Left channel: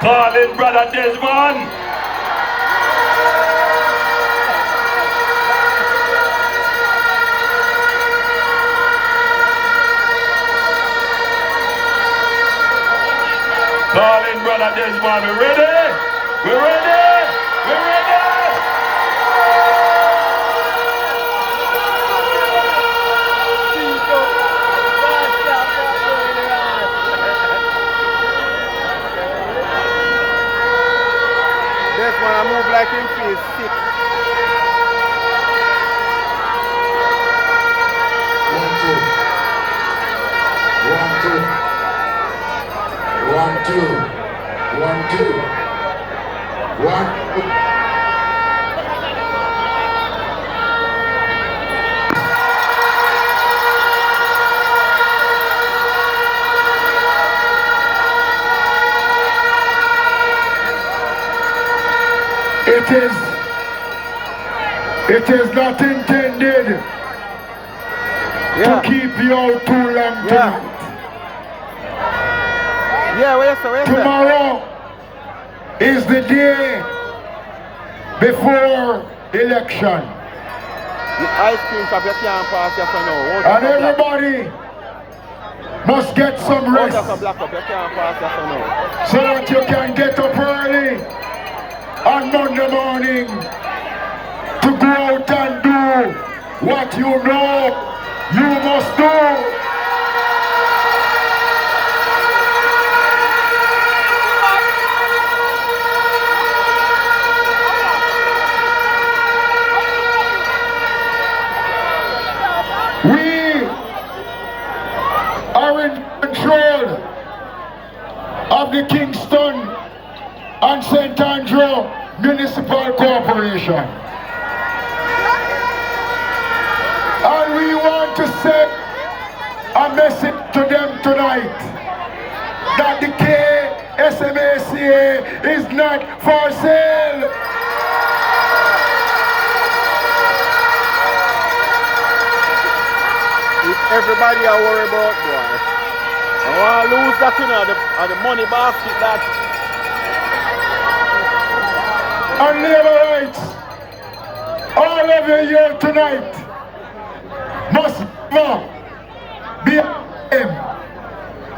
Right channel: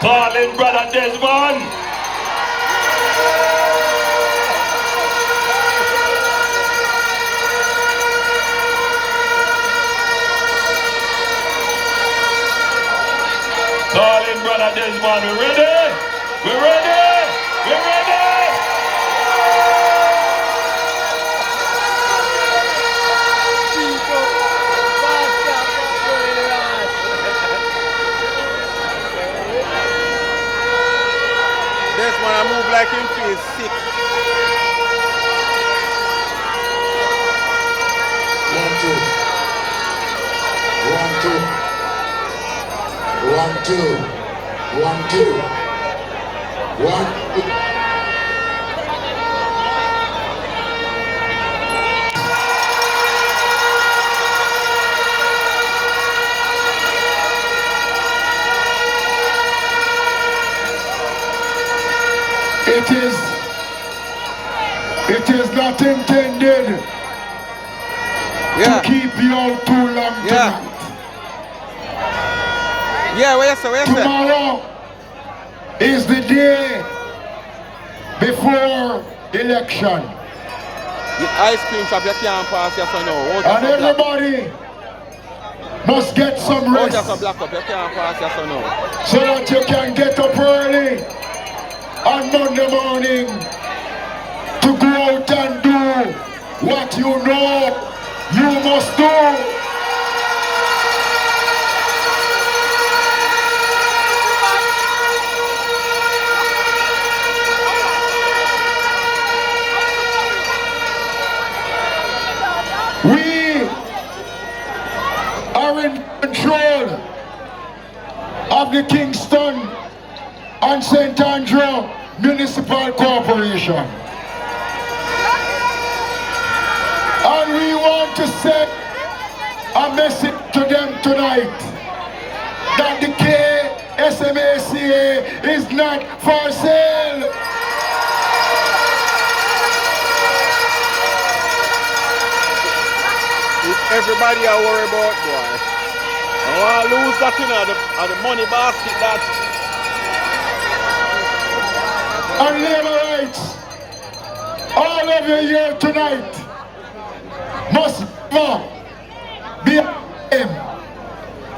Calling brother Desmond. Calling brother Desmond. We ready? We ready? We ready? This one I move like him feels sick. 1 2 1 2 1 2 1 2 It is not intended to keep you out too long tonight. Where you say? Tomorrow is the day before election. The ice cream shop you can't pass here for now. And everybody must get some rest. You can't pass here for now. So that you can get up early on Monday morning to go out and do what you know you must do. We are in control of the Kingston and St. Andrew Municipal Corporation. And we want to send a message to them tonight that the KSMACA is not for sale. Everybody are worried about, boy. I want to lose that, the money basket that. On labor rights, all of you here tonight must be able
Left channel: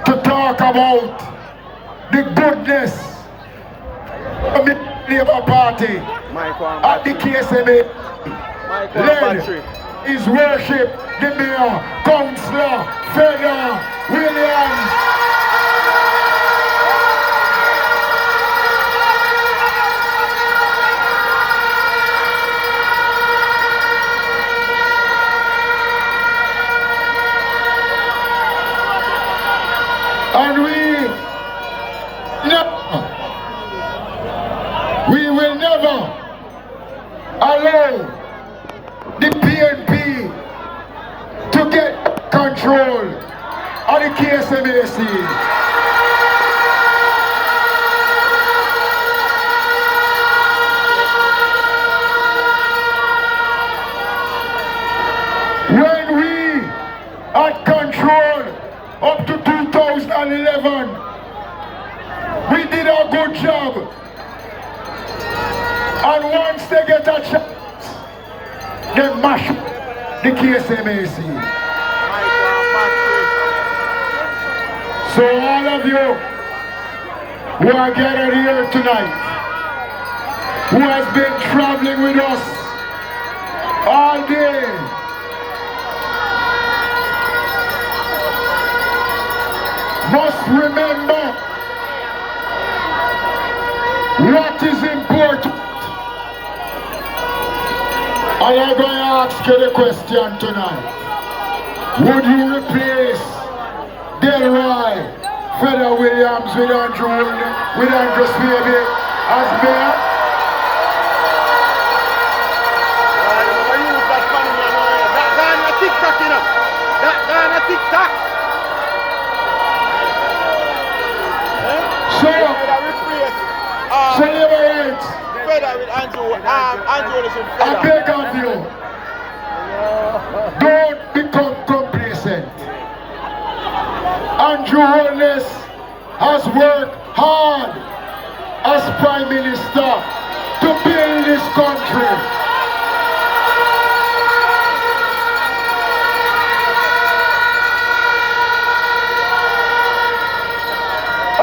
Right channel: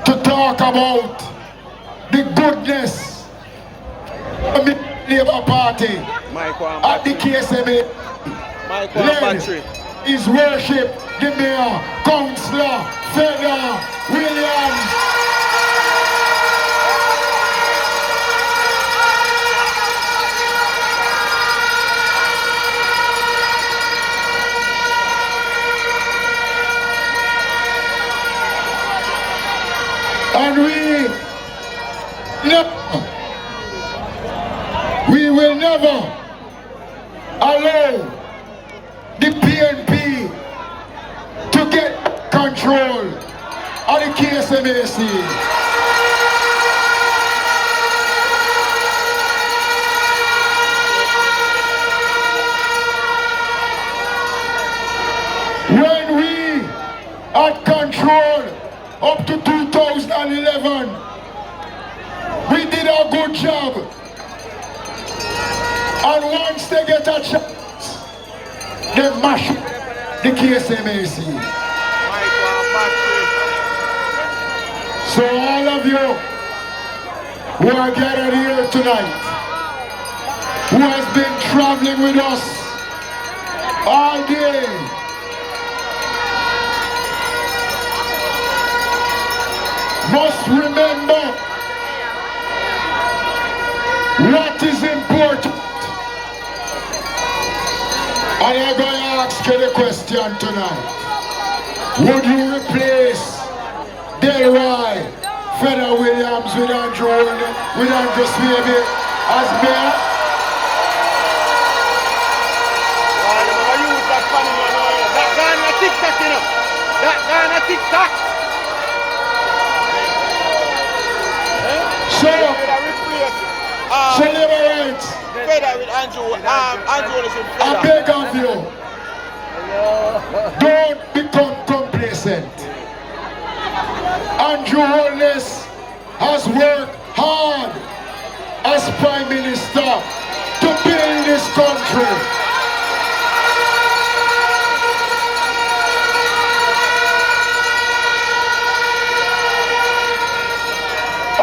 to talk about the goodness of the Labour Party at the KSMA. Led His Worship, the Mayor, Councillor, Feder, Williams. And we will never allow the PNP to get control of the KSMAC. When we had control up to 2011, we did a good job. And once they get a chance, they mash the KSMAC. So all of you who are gathered here tonight, who has been traveling with us all day, must remember what is important. And I'm going to ask you the question tonight. Would you replace Delroy, Feder Williams with Andrew Swaby as mayor? So Liberates, Feder with Andrew, Andrew is in Feder. I beg of you, don't become complacent. Andrew Holness has worked hard as Prime Minister to build this country.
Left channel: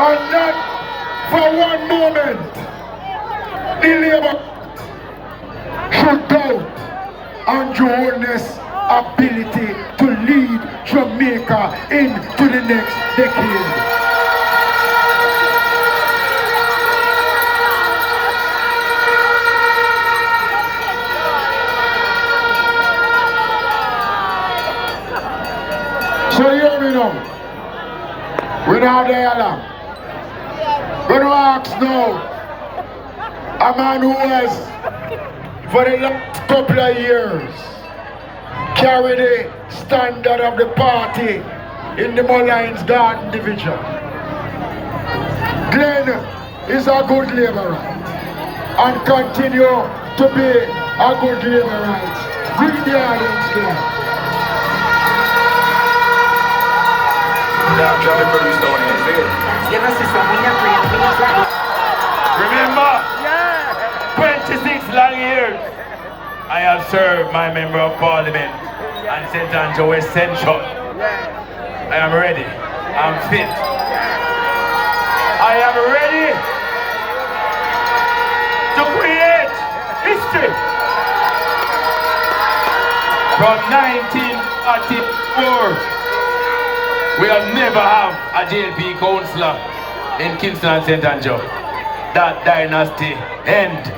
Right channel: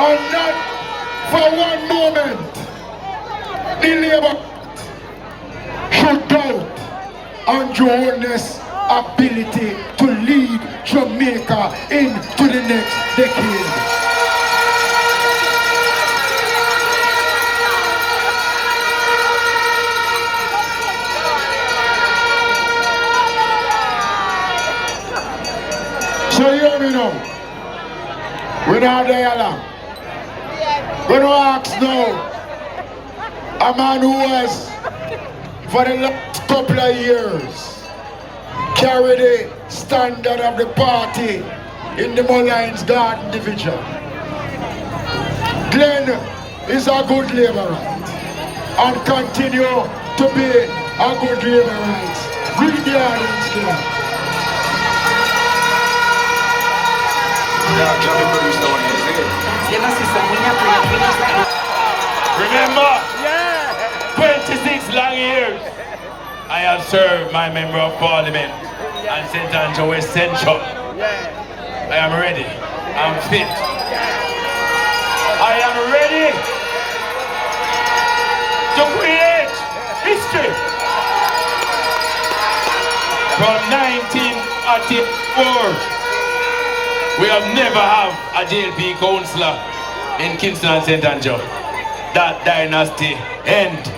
And not for one moment the Labour should doubt Andrew Holness' ability to lead Jamaica into the next decade. So hear me now. We're not there long. We're not ask now. A man who has, for the last couple of years, carried the standard of the party in the Mullines Garden Division. Glenn is a good Labourite and continue to be a good Labourite. Greet the audience there. Remember, 26 long years I have served my Member of Parliament and St. Andrew West Central. I am ready. I'm fit. I am ready to create history. From 1984. We have never had a JLP councillor in Kingston and St. Andrew. That dynasty end.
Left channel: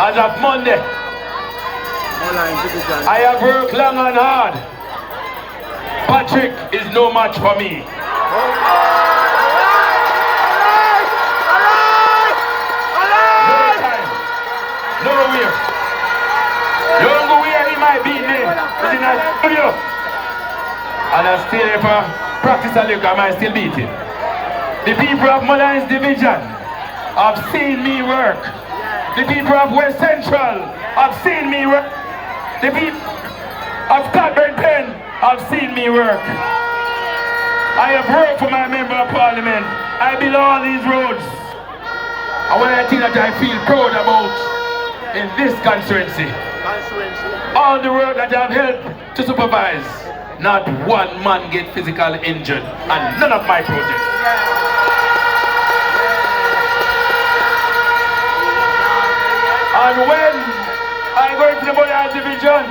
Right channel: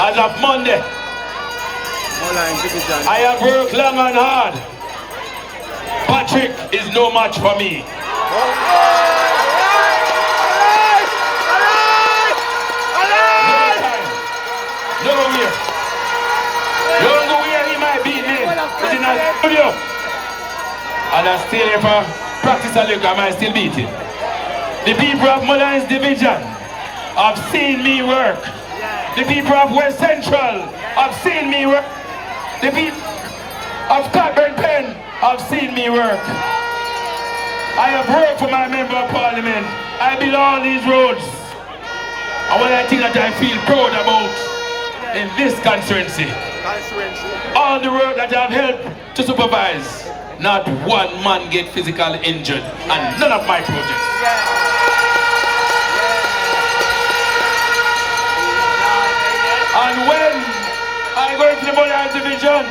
As of Monday, I have worked long and hard. Patrick is no match for me. Never will. You don't go where he might be here. It's in a studio. And I still if I practice a little, I might still beat him. The people of Mullines Division have seen me work. The people of West Central have seen me work. The people of Cobden Pen have seen me work. I have worked for my Member of Parliament. I build all these roads. And one of the things that I feel proud about in this constituency, all the work that I've helped to supervise, not one man get physically injured, and none of my projects. And when I go into the Mullines Division,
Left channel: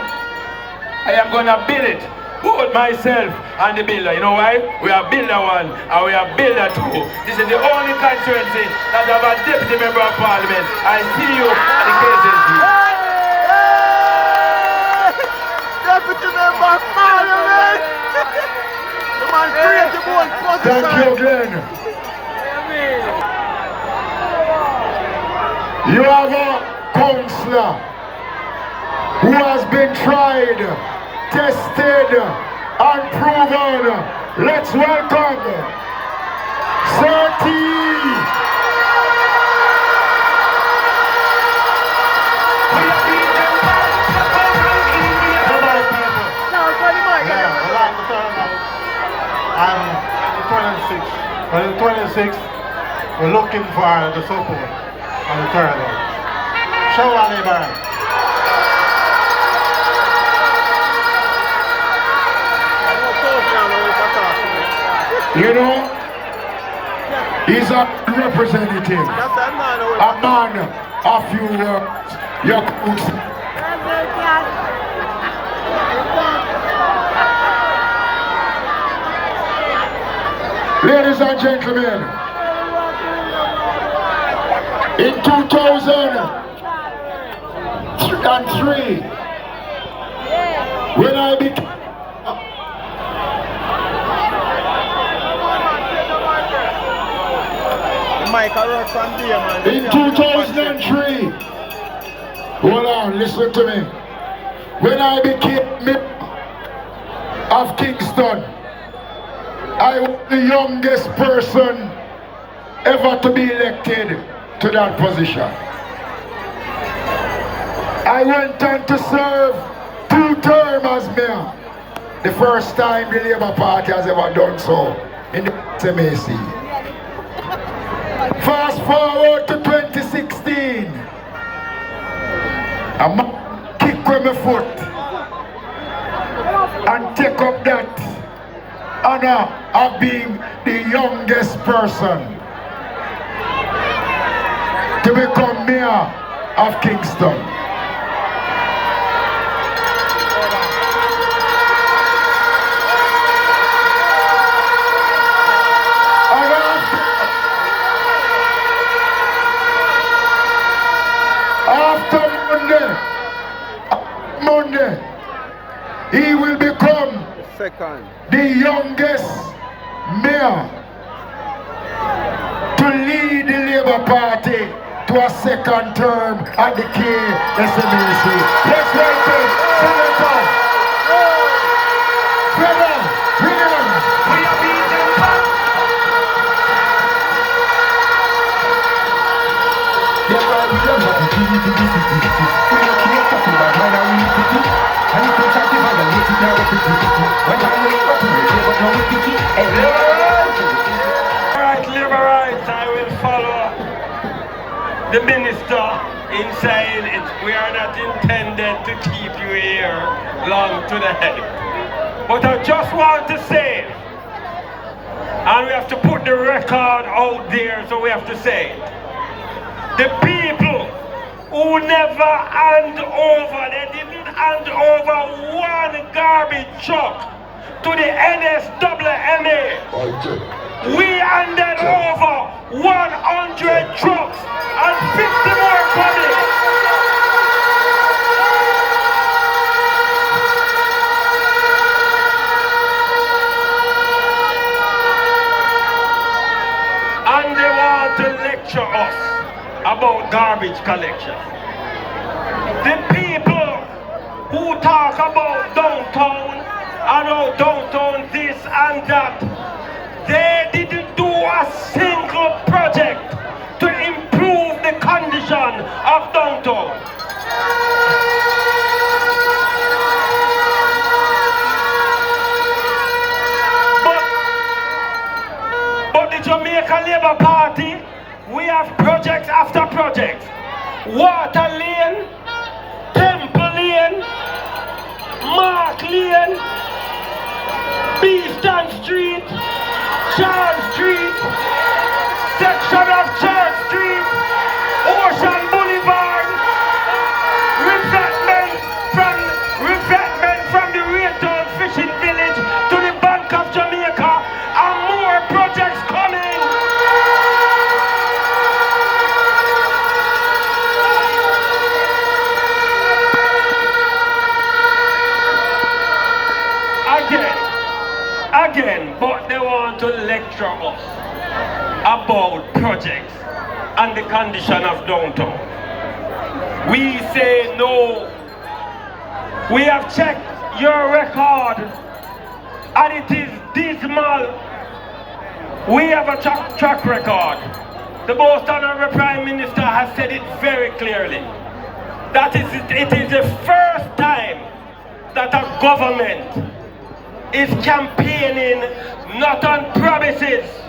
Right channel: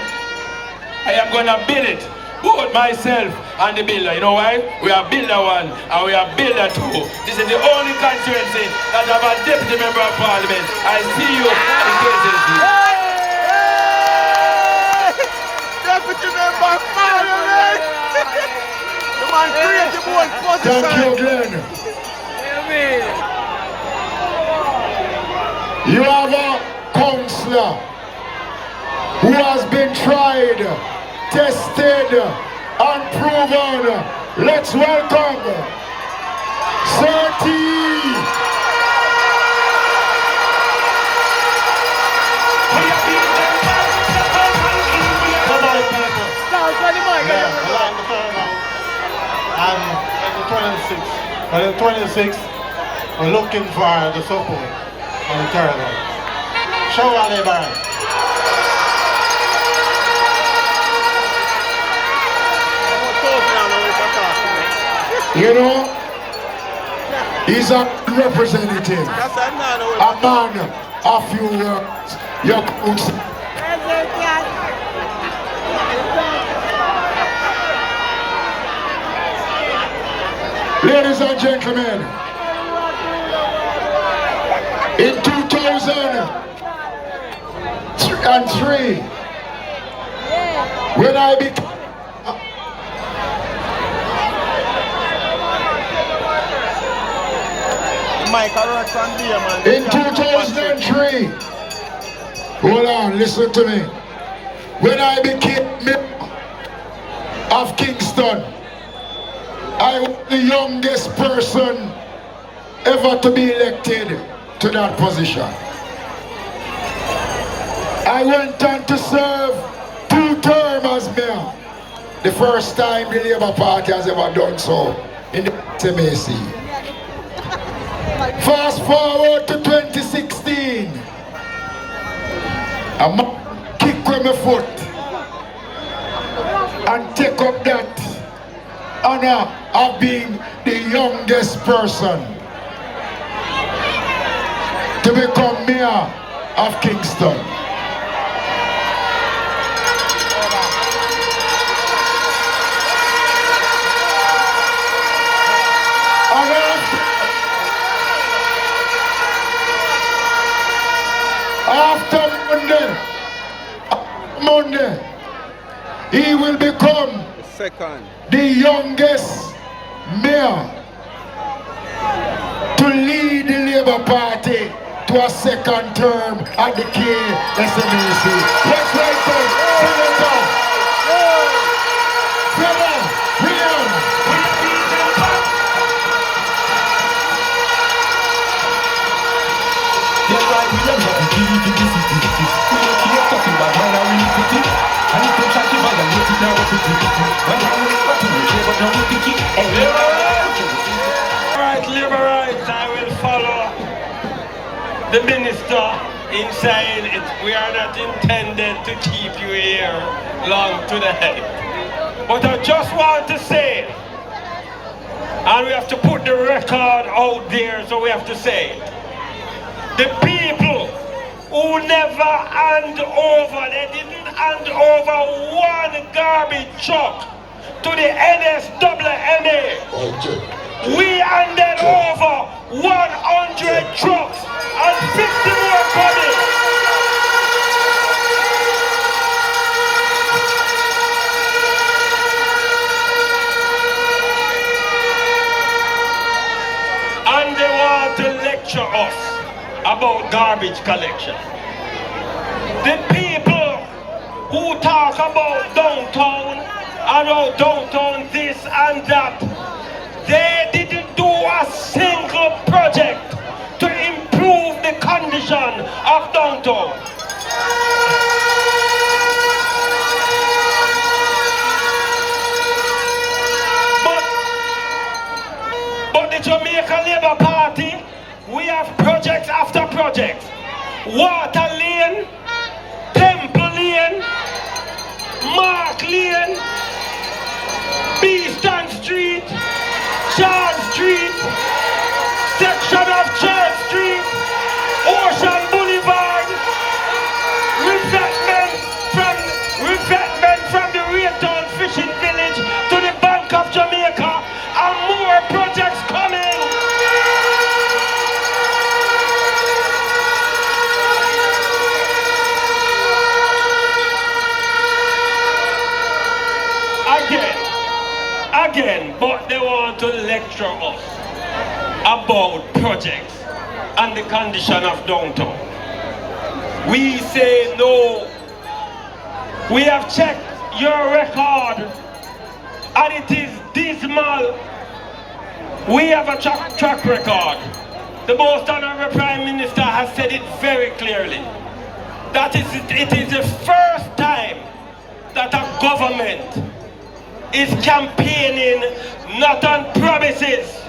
I am going to build it, both myself and the builder. You know why? We are builder one and we are builder two. This is the only constituency that have a deputy member of parliament. I see you in presidency. Deputy member of parliament! The man created the whole position. Thank you, Glenn. You have a councillor who has been tried, tested, and proven. Let's welcome Sati. On the 26th, we're looking for the support on the turnout. Show our labor. You know, he's a representative, a man of your council. Ladies and gentlemen, in 2003, when I became in 2003, hold on, listen to me. When I became mayor of Kingston, I was the youngest person ever to be elected to that position. I went on to serve 2 terms as mayor. The first time the Labour Party has ever done so in the MAC. Fast forward to 2016. A man kick with my foot and take up that honor of being the youngest person to become mayor of Kingston. After Monday, he will become the youngest mayor to lead the Labour Party to a second term at the Constituency. Let's welcome Senator William. Liberals, I will follow the minister in saying we are not intended to keep you here long to the head. But I just want to say, and we have to put the record out there, so we have to say it. The people who never hand over, they didn't hand over one garbage truck to the NSWMA. We handed over 100 trucks and 50 more coming. And they want to lecture us about garbage collection. The people who talk about downtown and how downtown this and that, they didn't do a single project to improve the condition of downtown. But the Jamaica Labour Party, we have projects after projects. Water Lane, Temple Lane, Mark Lane, Beeston Street, Charles Street, section of Charles Street, Ocean Boulevard, revetment from the Raytown Fishing Village to the Bank of Jamaica, and more projects coming. Again, but they want to lecture us about projects and the condition of downtown. We say no. We have checked your record and it is dismal. We have a track record. The most honorable Prime Minister has said it very clearly. That it is the first time that a government is campaigning not on promises,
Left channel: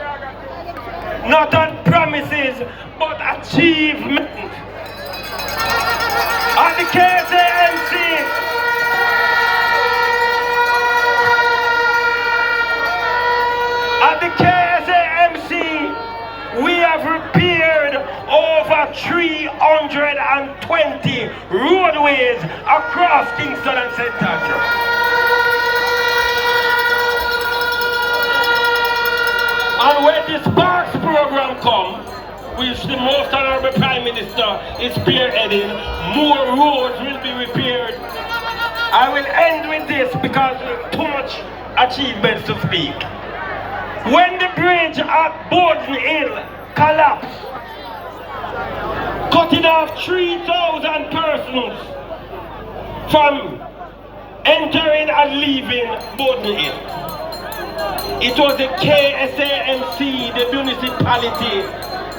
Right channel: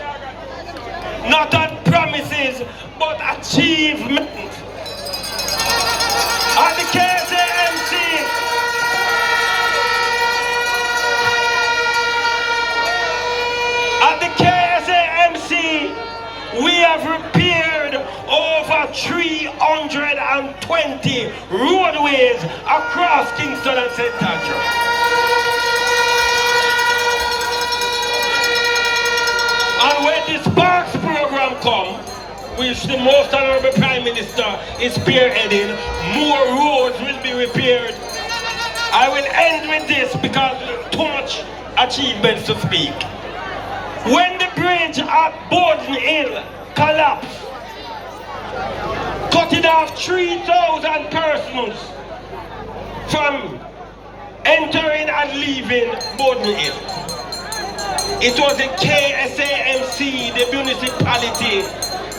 but achievement. At the KSAMC, we have repaired over 320 roadways across Kingston and St. Andrews. And when the Sparks program comes, which the most honorable Prime Minister is spearheading, more roads will be repaired. I will end with this because too much achievements to speak. When the bridge at Borden Hill collapsed, cutting off 3,000 persons from entering and leaving Borden Hill. It was the KSAMC, the municipality,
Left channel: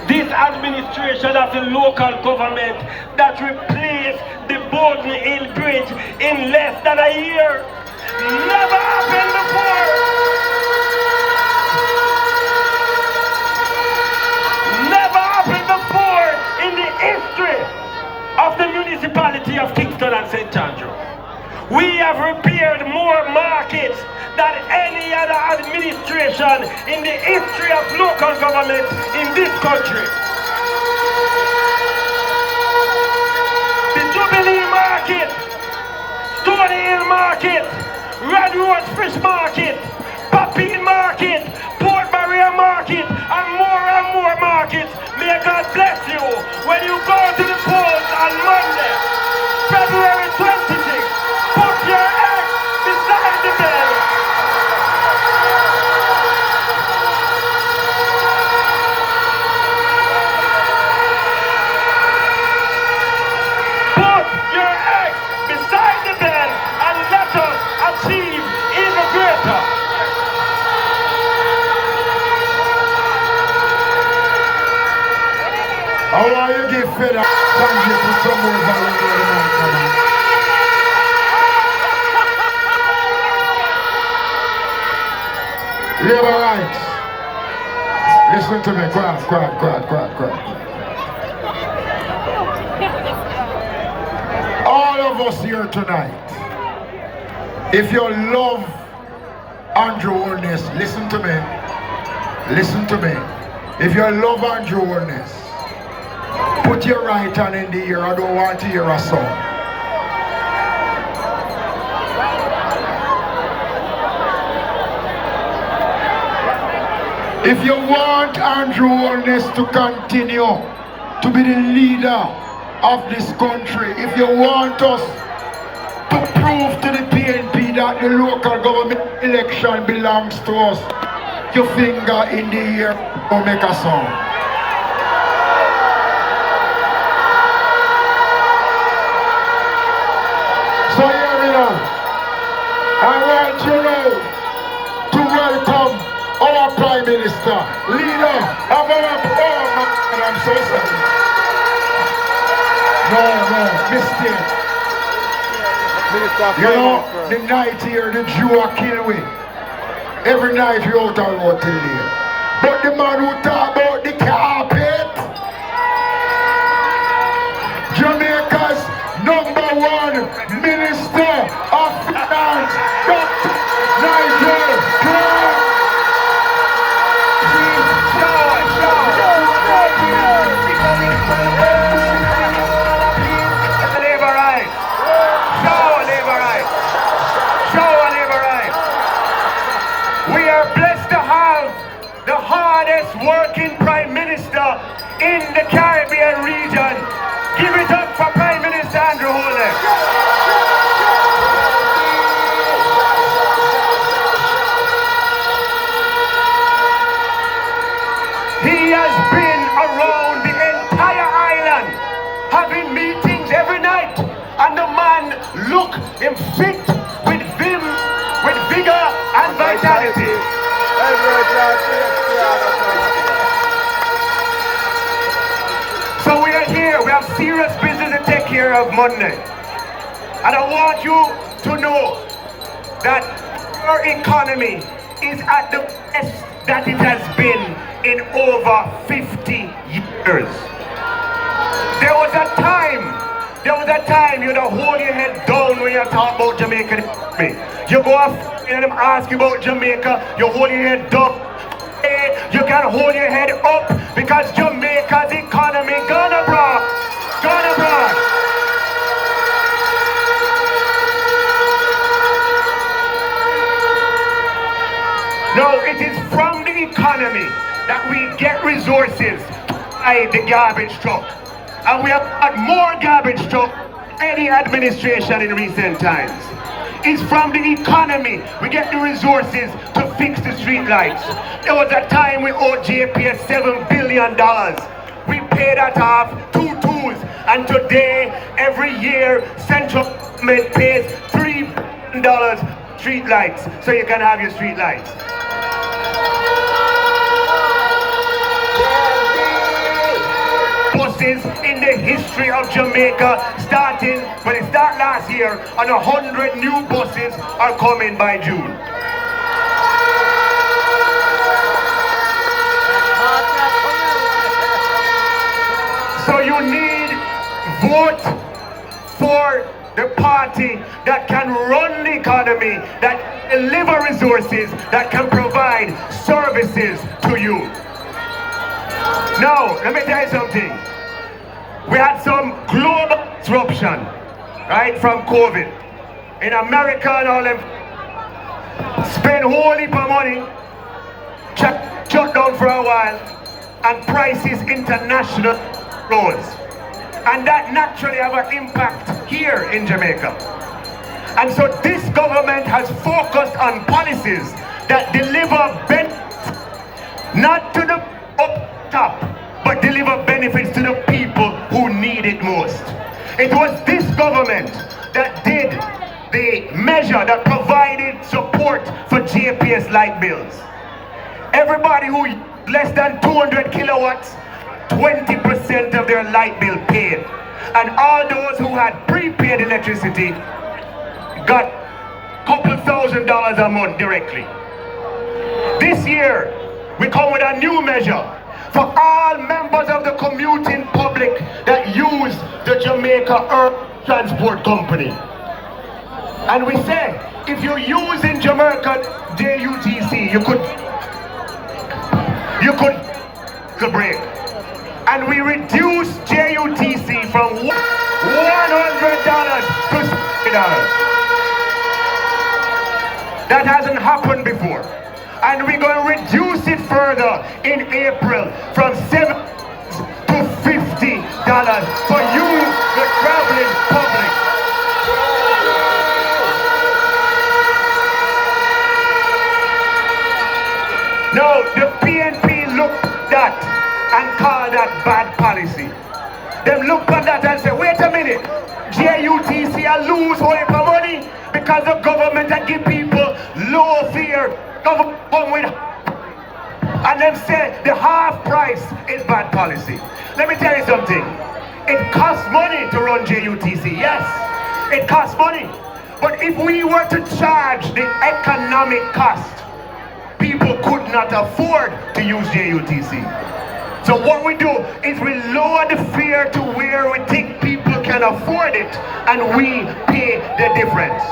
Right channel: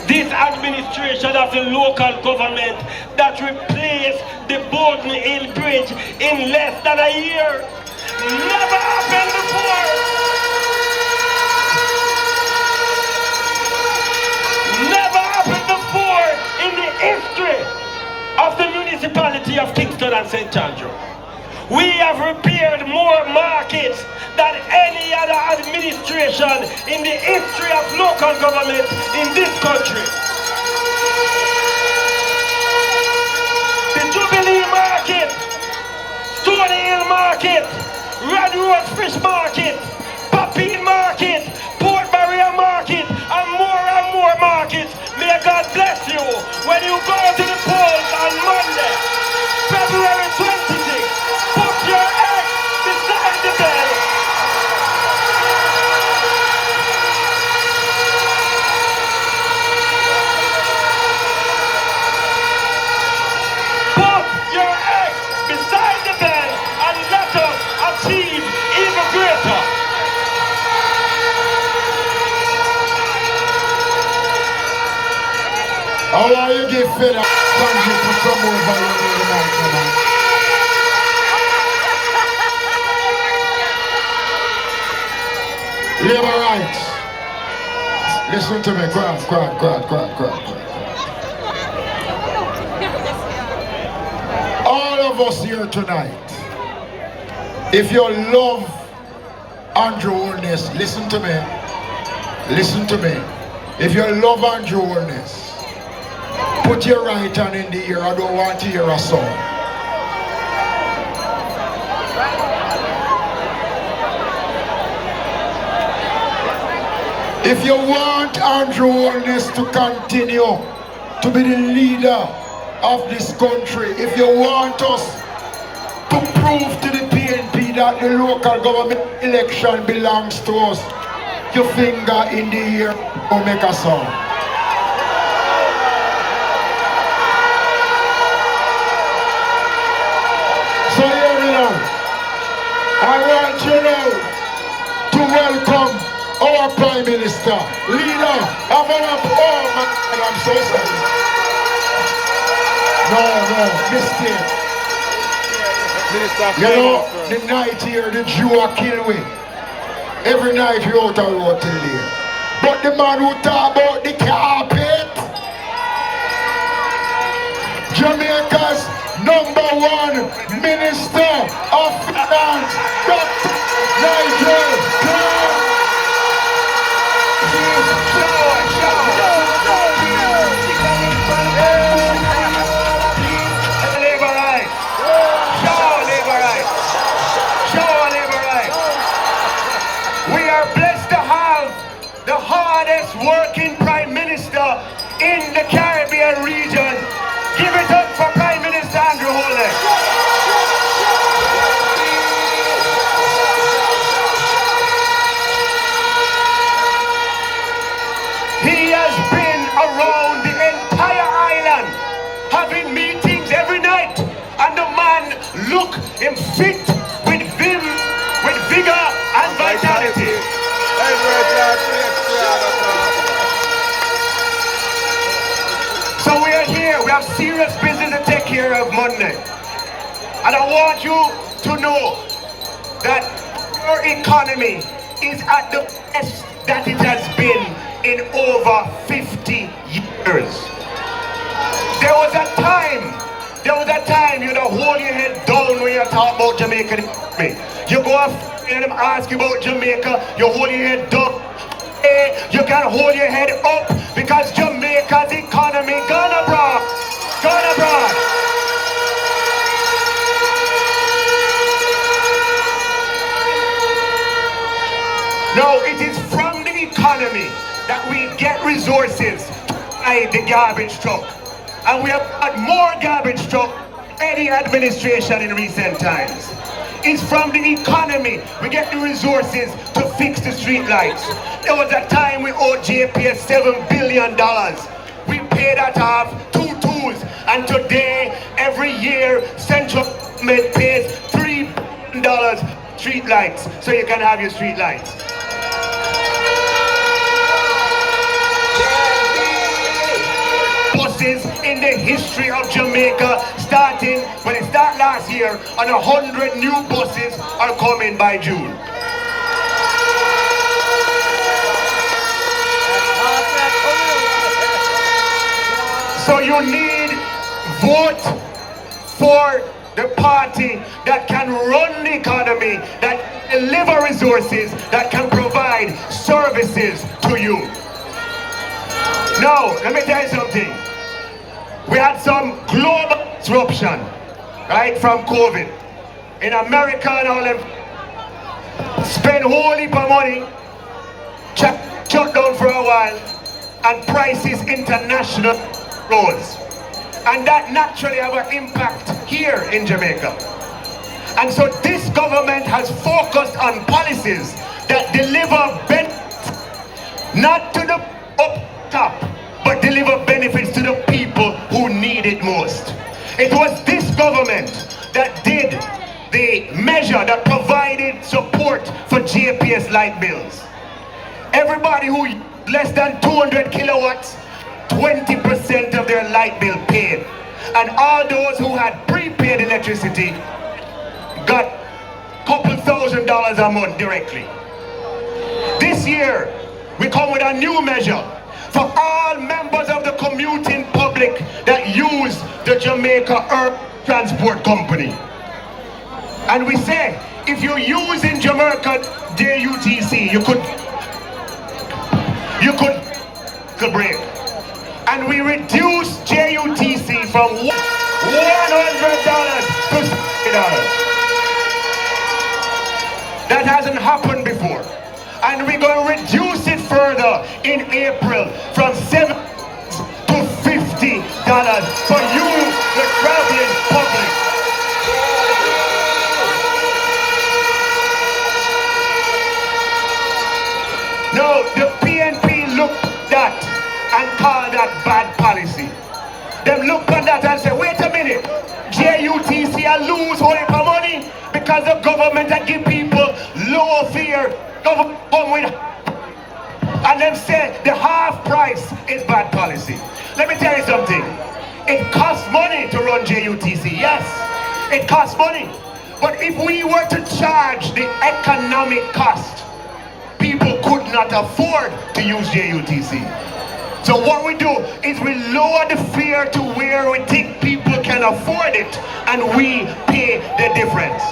this administration of the local government that replaced the Borden Hill Bridge in less than a year. Never happened before. Never markets than any other administration in the history of local government in this country. The Jubilee Market, Stony Hill Market, Red Rose Fish Market, Papine Market, Port Barrier Market, and more markets. May God bless you when you go to the polls on Monday, February 26th. Put your egg beside the bell. Put your egg beside the bell and let us achieve even greater. How are you give fed up? Thank you for some more volunteer tonight, man. Labor rights. Listen to me. Quiet. All of us here tonight, if you love Andrew Holness, listen to me. Listen to me. If you love Andrew Holness, put your right hand in the ear. I don't want to hear a song. If you want Andrew Holness to continue to be the leader of this country, if you want us to prove to the PNP that the local government election belongs to us, your finger in the ear or make a song. So here we are. I want you now to welcome our Prime Minister, leader of our and I'm so sorry. No, mistake. Minister of You know, Finance, the night here, the Jew are kill we. Every night we out on road till here. But the man who talk about the carpet, Jamaica's #1 Minister of Finance, Dr. Nigel Clark. We are blessed to have the hardest working Prime Minister in the Caribbean region. Give it up for Prime Minister Andrew Holness. He has been around the entire island, having meetings every night, and the man look him fit with vim, with vigor and vitality. So we are here, we have serious business to take care of Monday. And I want you to know that our economy is at the best that it has been in over 50 years. There was a time you know, hold your head down when you talk about Jamaican economy. You go up and them ask you about Jamaica, you hold your head down. You can hold your head up because Jamaica's economy gonna broad. No, it is from the economy that we get resources to buy the garbage truck. And we have had more garbage truck than any administration in recent times. It's from the economy we get the resources to fix the street lights. There was a time we owed JPS $7 billion. We paid that off 2 tools, and today, every year, central government pays $3 billion street lights, so you can have your street lights. Buses in the history of Jamaica, starting when it started last year, and 100 new buses are coming by June. So you need vote for the party that can run the economy, that deliver resources that can provide services to you. Now, let me tell you something. We had some global disruption, right, from COVID. In America and all them spend whole heap of money, shut down for a while, and prices international rose. And that naturally have an impact here in Jamaica. And so this government has focused on policies that deliver benefits, not to the up top, but deliver benefits to the people who need it most. It was this government that did the measure that provided support for JPS light bills. Everybody who less than 200 kilowatts, 20% of their light bill paid. And all those who had prepaid electricity got a couple $1,000s a month directly. This year, we come with a new measure for all members of the commuting public that use the Jamaica Urban Transport Company. And we say, if you're using Jamaica JUTC, you could the break. And we reduce JUTC from $100 to $60. That hasn't happened before. And we're going to reduce it further in April from $7 to $50 for you, the traveling public. No, the PNP looked at that and called that bad policy. They look at that and say, wait a minute, JUTC lose whole heap of money because the government that give people low fare, government come with, and then say the half price is bad policy. Let me tell you something. It costs money to run JUTC, yes, it costs money. But if we were to charge the economic cost, people could not afford to use JUTC. So what we do is we lower the fare to where we think people can afford it, and we pay the difference.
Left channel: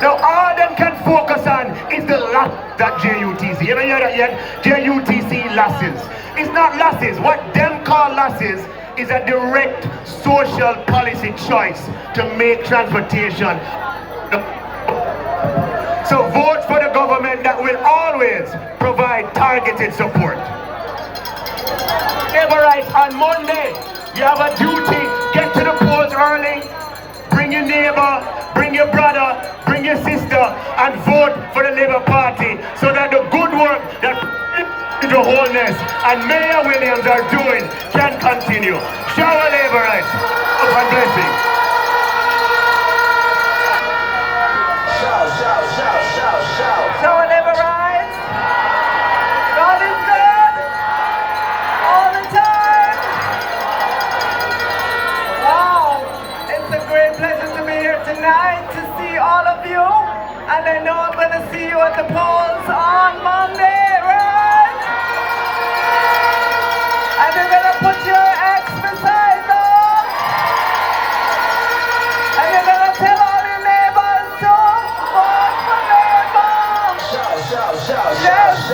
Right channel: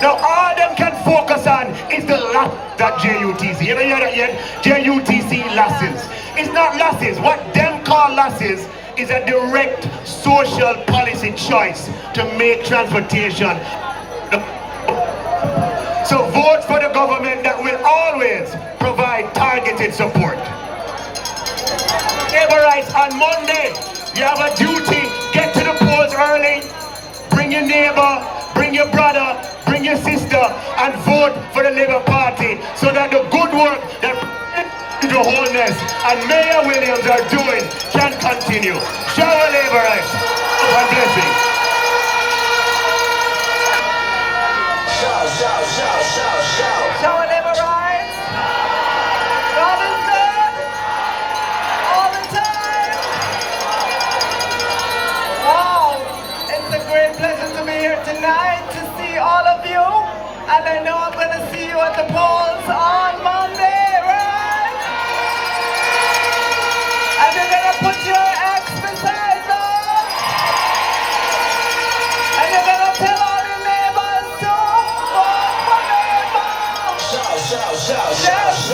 Now all them can focus on is the loss that JUTC. You ever hear that yet? JUTC losses. It's not losses. What them call losses is a direct social policy choice to make transportation. So vote for the government that will always provide targeted support. Neighbor rights on Monday, you have a duty. Get to the polls early. Bring your neighbor, bring your brother, bring your sister, and vote for the Labour Party so that the good work that the wholeness and Mayor Williams are doing can continue. Shout out Labour rights. God bless you. Shout Labour rights. God is good all the time. Wow, it's a great pleasure to be here tonight to see all of you, and I know I'm going to see you at the polls on Monday, right? And you're going to put your ex beside them, and you're going to tell all your neighbors to vote for Labour. Yes,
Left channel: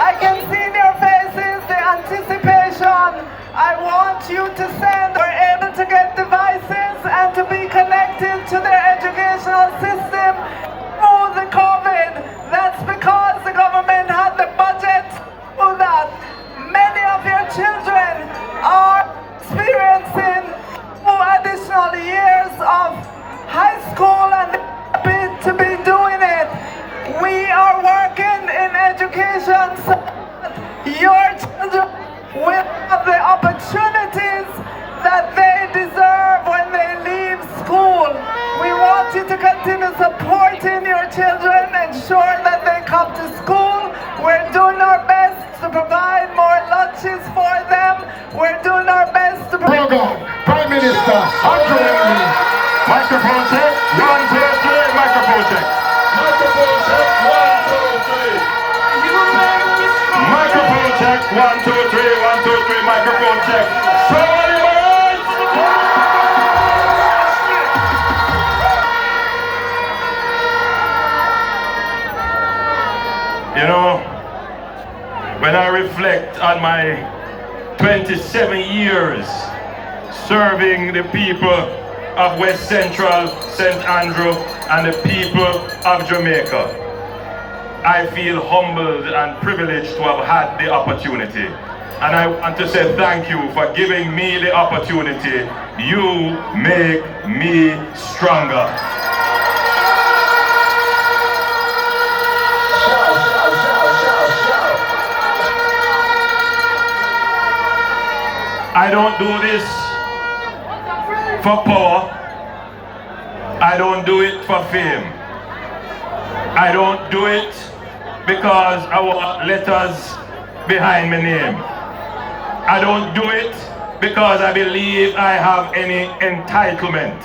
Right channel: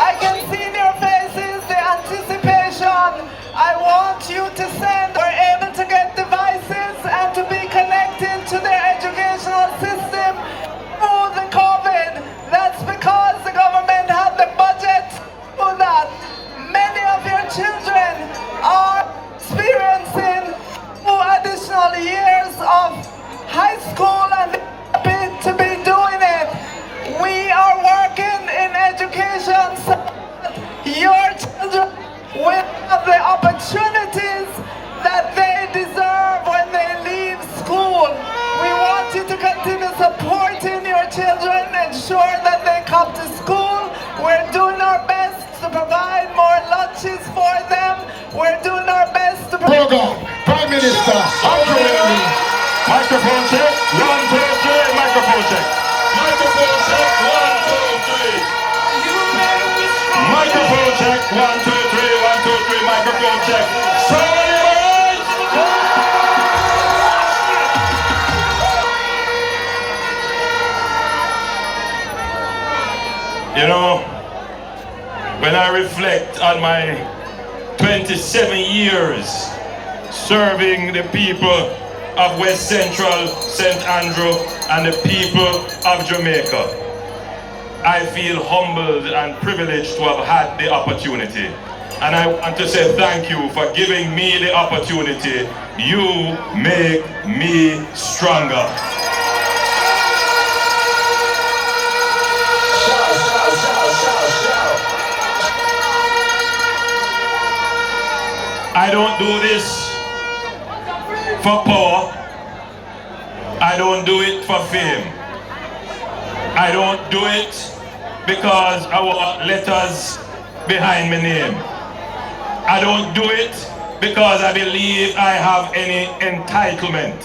I can see in your faces the anticipation. I want you to send. We're able to get devices and to be connected to their educational system through the COVID. That's because the government had the budget for that. Many of your children are experiencing 2 additional years of high school and happy to be doing it. We are working in education so that your children will have the opportunities that they deserve when they leave school. We want you to continue supporting your children, ensure that they come to school. We're doing our best to provide more lunches for them. We're doing our best to provide. Program, Prime Minister, Microphone check, 1, 2, 3, microphone check. Microphone check, 1, 2, 3. Microphone check, 1, 2, 3, 1, 2, 3, microphone check. You know, when I reflect on my 27 years serving the people of West Central, St. Andrew, and the people of Jamaica, I feel humbled and privileged to have had the opportunity. And I want to say thank you for giving me the opportunity. You make me stronger. I don't do this for power. I don't do it for fame. I don't do it because I want letters behind my name. I don't do it because I believe I have any entitlement.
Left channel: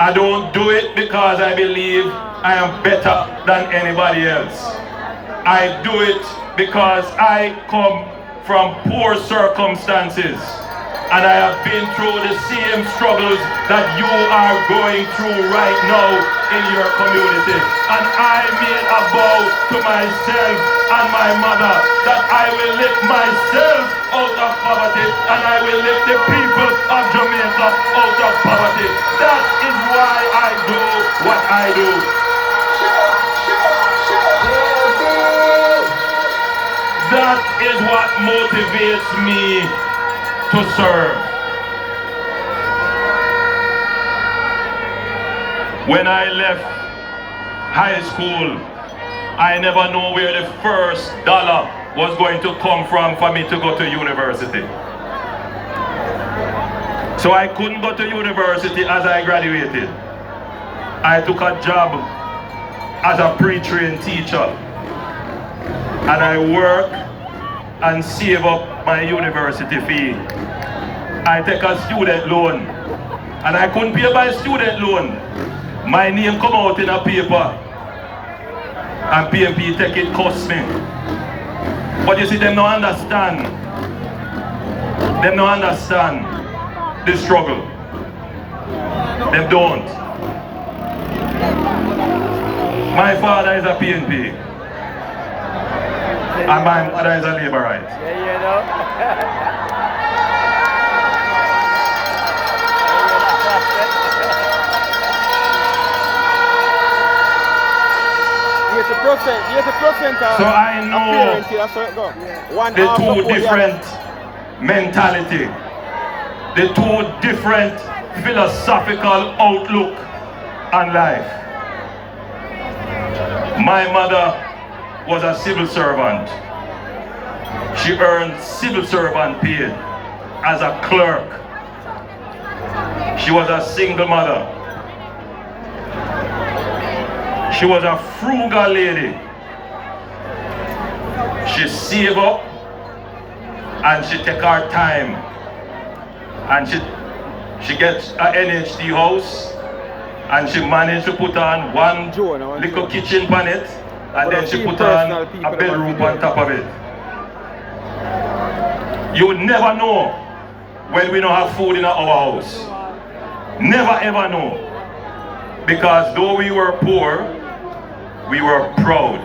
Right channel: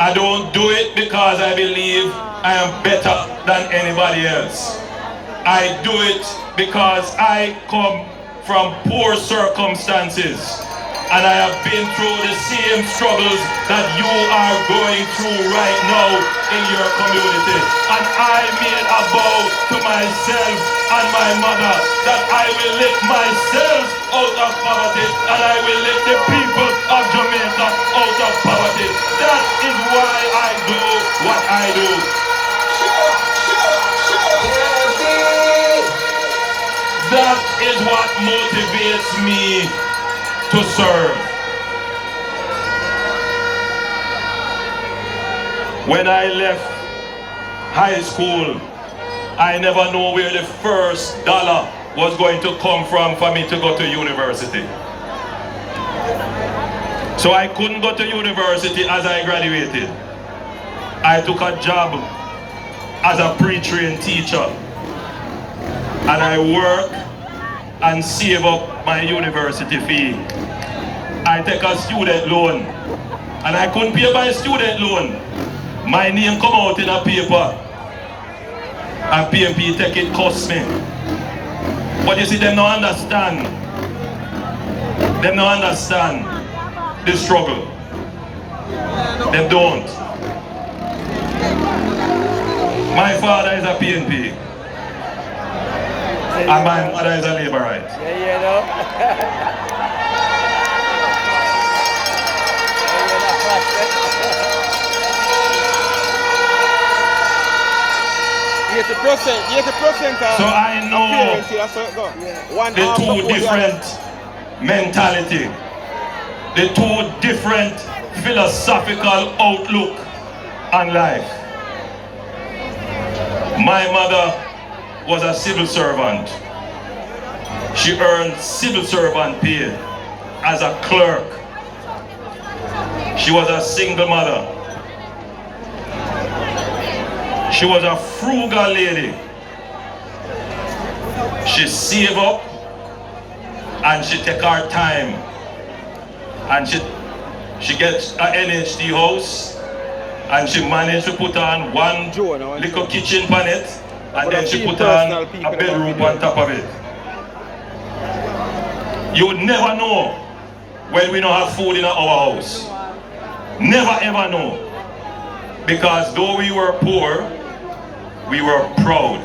I don't do it because I believe I am better than anybody else. I do it because I come from poor circumstances, and I have been through the same struggles that you are going through right now in your community. And I made a vow to myself and my mother that I will lift myself out of poverty, and I will lift the people of Jamaica out of poverty. That is why I do what I do. That is what motivates me to serve. When I left high school, I never knew where the first dollar was going to come from for me to go to university. So I couldn't go to university as I graduated. I took a job as a pre-trained teacher, and I work and save up my university fee. I take a student loan, and I couldn't pay my student loan. My name come out in a paper, and PMP take it cost me. But you see, them don't understand. Them don't understand the struggle. Them don't. My father is a PNP. And my mother is a labor right. Yeah, you know. So I know the two different mentality, the two different philosophical outlook on life. My mother was a civil servant. She earned civil servant pay as a clerk. She was a single mother. She was a frugal lady. She saved up and she take her time, and she gets an NHD house, and she managed to put on one little kitchen on it, and then she put on a bedroom on top of it. You would never know when we don't have food in our house. Never ever know. Because though we were poor, we were proud.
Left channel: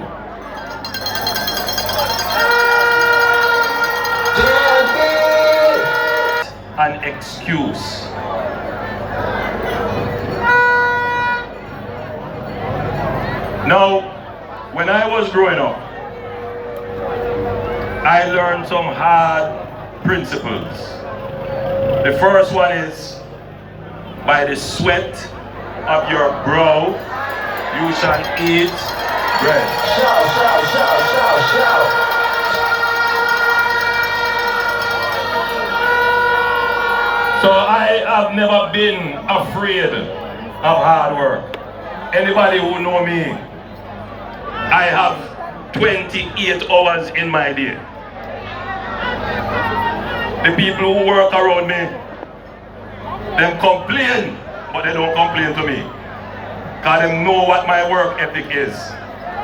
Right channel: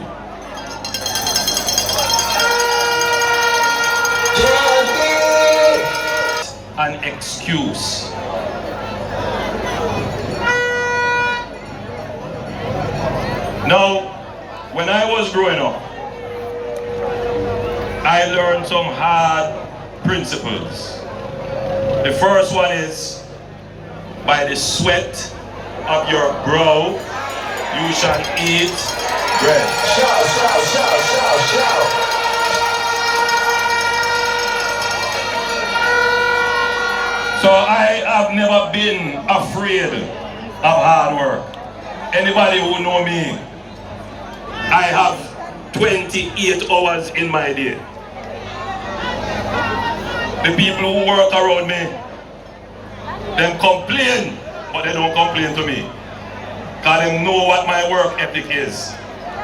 An excuse. Now, when I was growing up, I learned some hard principles. The first one is, by the sweat of your brow, you shall eat bread. Shout, shout, shout, shout, shout. So I have never been afraid of hard work. Anybody who know me, I have 28 hours in my day. The people who work around me, them complain, but they don't complain to me. Because they know what my work ethic is.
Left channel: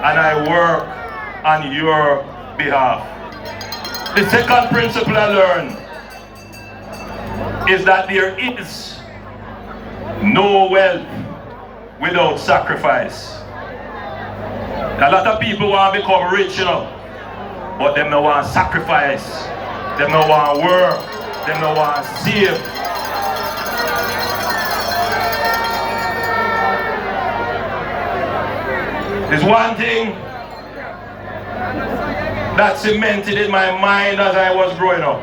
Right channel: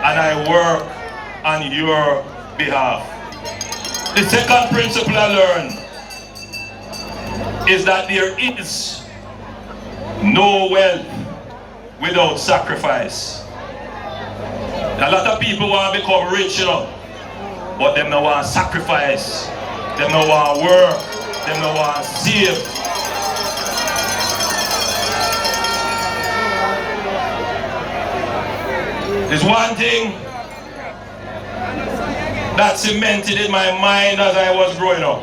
And I work on your behalf. The second principle I learned is that there is no wealth without sacrifice. A lot of people want to become rich, you know, but them no want sacrifice, them no want work, them no want save. There's one thing that cemented in my mind as I was growing up,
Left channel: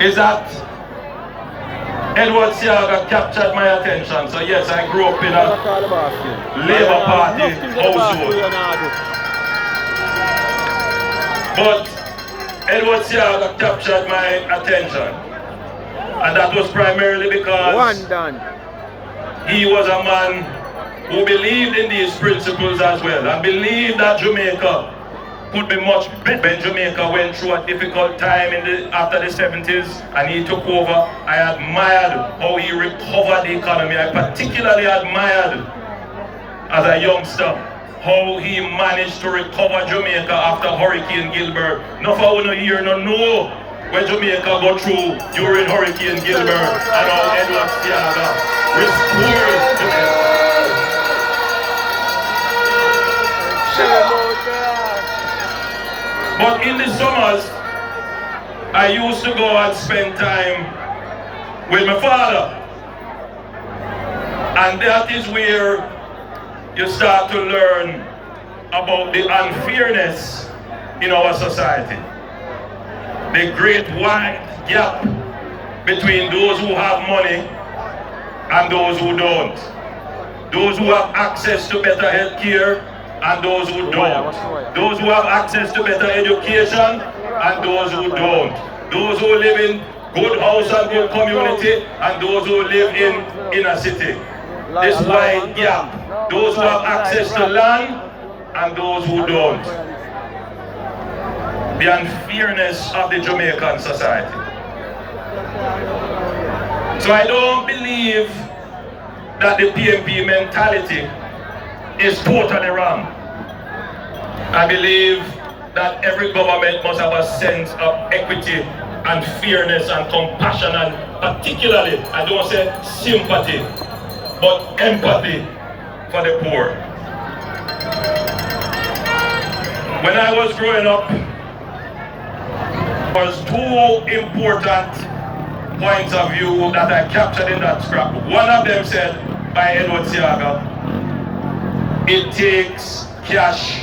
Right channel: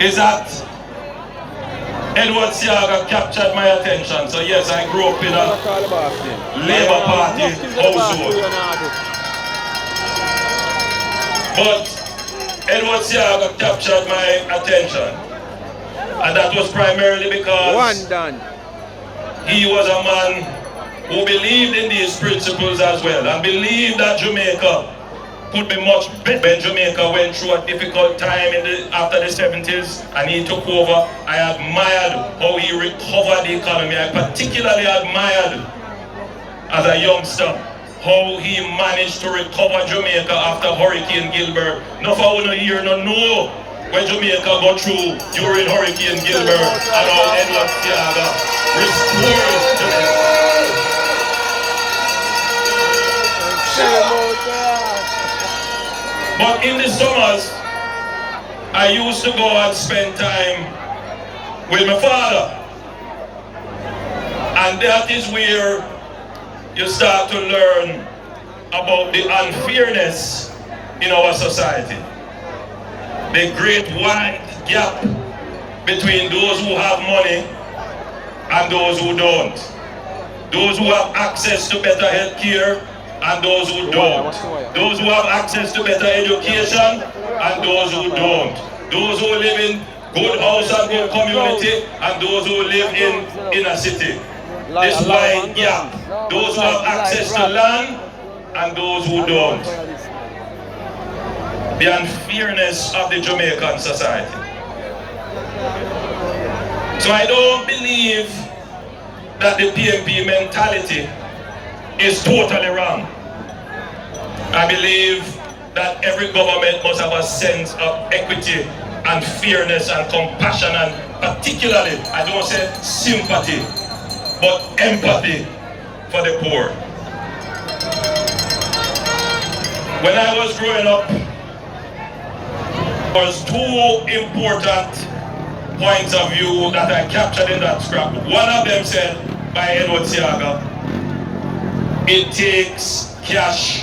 is that Edward Siaga captured my attention. So yes, I grew up in a Labour Party household. But Edward Siaga captured my attention. And that was primarily because he was a man who believed in these principles as well, and believed that Jamaica could be much better. When Jamaica went through a difficult time after the 70s and he took over, I admired how he recovered the economy. I particularly admired, as a youngster, how he managed to recover Jamaica after Hurricane Gilbert. No for one here, no know when Jamaica go through during Hurricane Gilbert and how Edward Siaga restored Jamaica. But in the summers, I used to go and spend time with my father. And that is where you start to learn about the unfairness in our society. The great wide gap between those who have money and those who don't. Those who have access to better health care and those who don't. Those who have access to better education and those who don't. Those who live in good house and good community and those who live in inner city. This wide gap. Those who have access to land and those who don't. The unfairness of the Jamaican society. So I don't believe that the PNP mentality is totally wrong. I believe that every government must have a sense of equity and fairness and compassion, and particularly, I don't say sympathy, but empathy for the poor. When I was growing up, there was two important points of view that I captured in that scrap. One of them said by Edward Siaga, it takes cash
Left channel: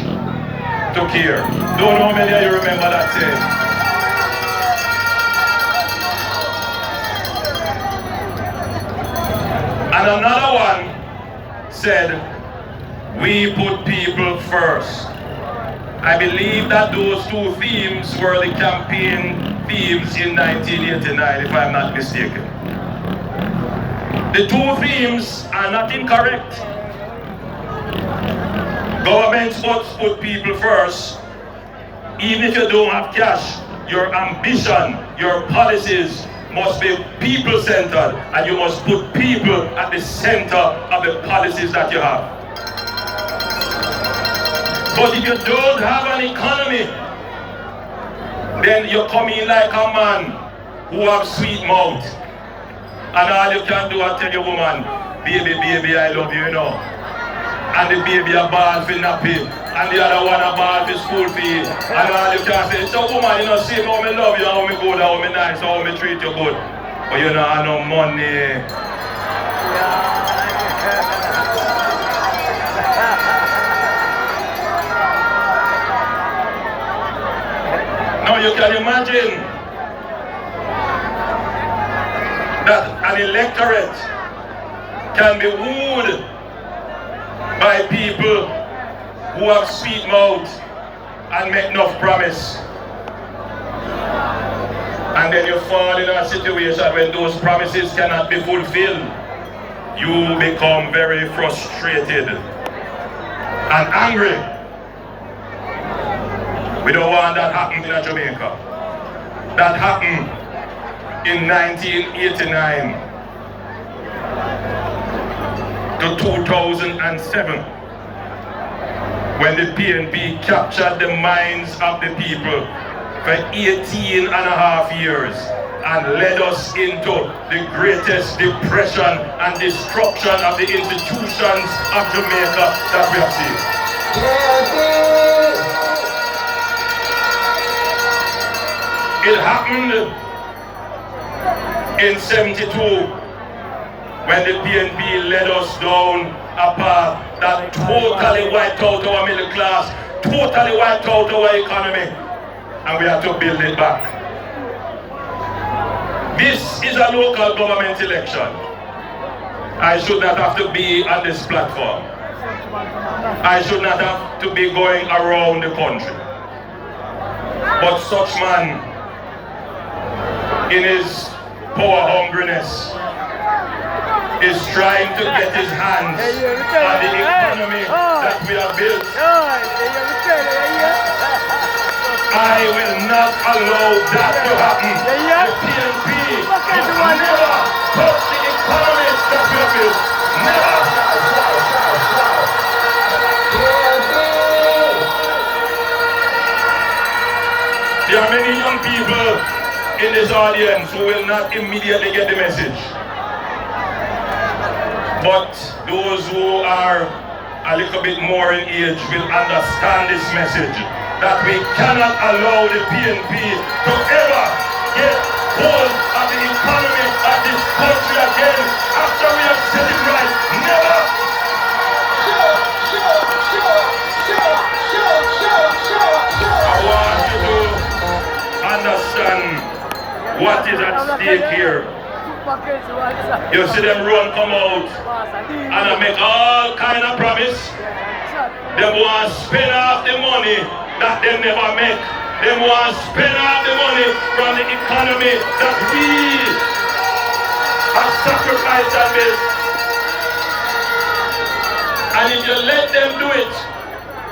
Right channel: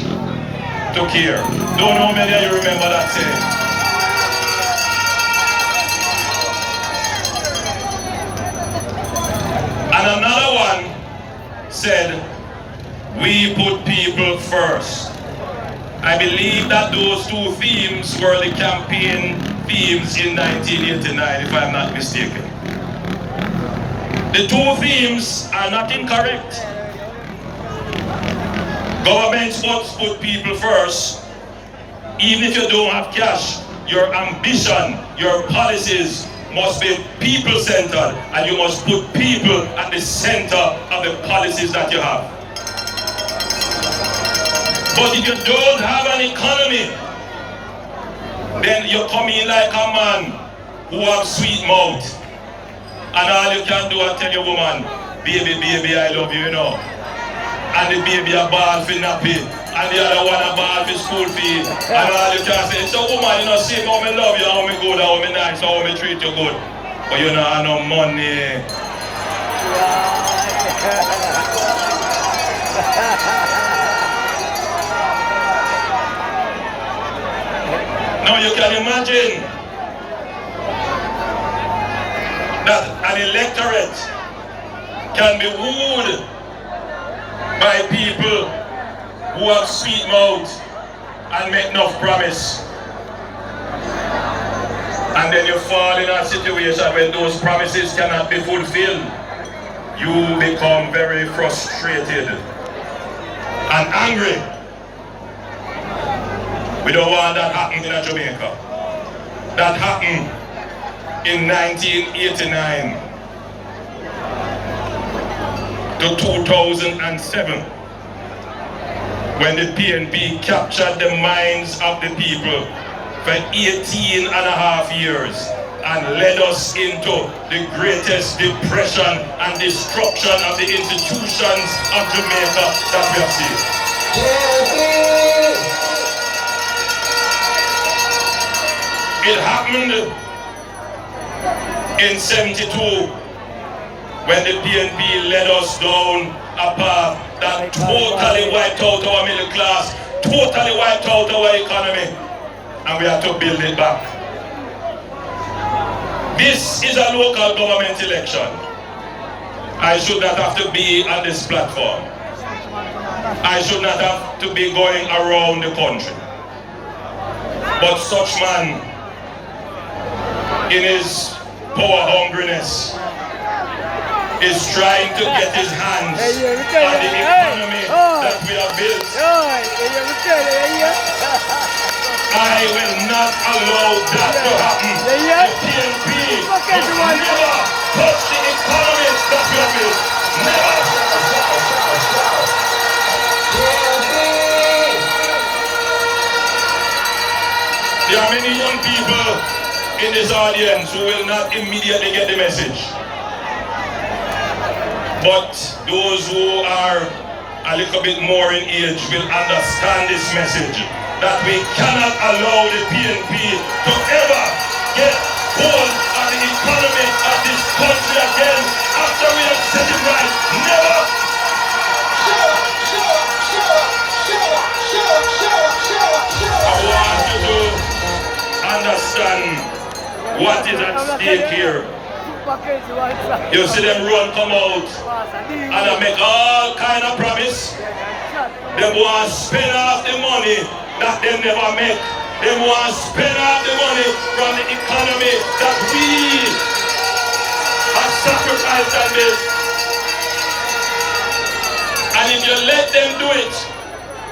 to care. Don't know many of you remember that saying. And another one said, we put people first. I believe that those two themes were the campaign themes in 1989, if I'm not mistaken. The two themes are not incorrect. Governments must put people first. Even if you don't have cash, your ambition, your policies must be people-centered, and you must put people at the center of the policies that you have. But if you don't have an economy, then you come in like a man who have sweet mouth, and all you can do is tell your woman, baby, baby, I love you, you know. And the baby a ball for nappy, and the other one a ball for school fee, and all you can say, so woman, you know, see how me love you, how me good, how me nice, how me treat you good, but you don't have no money. Now you can imagine that an electorate can be wooed by people who have sweet mouth and make enough promise. And then you fall in a situation when those promises cannot be fulfilled. You become very frustrated and angry. We don't want that happening in Jamaica. That happened in 1989 to 2007, when the PNP captured the minds of the people for 18 and a half years. and led us into the greatest depression and destruction of the institutions of Jamaica that we have seen. It happened in '72 when the PNP led us down a path that totally wiped out our middle class, totally wiped out our economy, and we have to build it back. This is a local government election. I should not have to be on this platform. I should not have to be going around the country. But such man, in his power hungriness, is trying to get his hands on the economy that we have built. I will not allow that to happen. The PNP will never touch the economy that we have built. Never. There are many young people in this audience who will not immediately get the message. But those who are a little bit more in age will understand this message, that we cannot allow the PNP to ever get hold of the economy of this country again after we have set it right. Never! I want you to understand what is at stake here. You see them run come out and I make all kind of promise. They want to spend off the money that they never make. They want to spend off the money from the economy that we have sacrificed on this. And if you let them do it,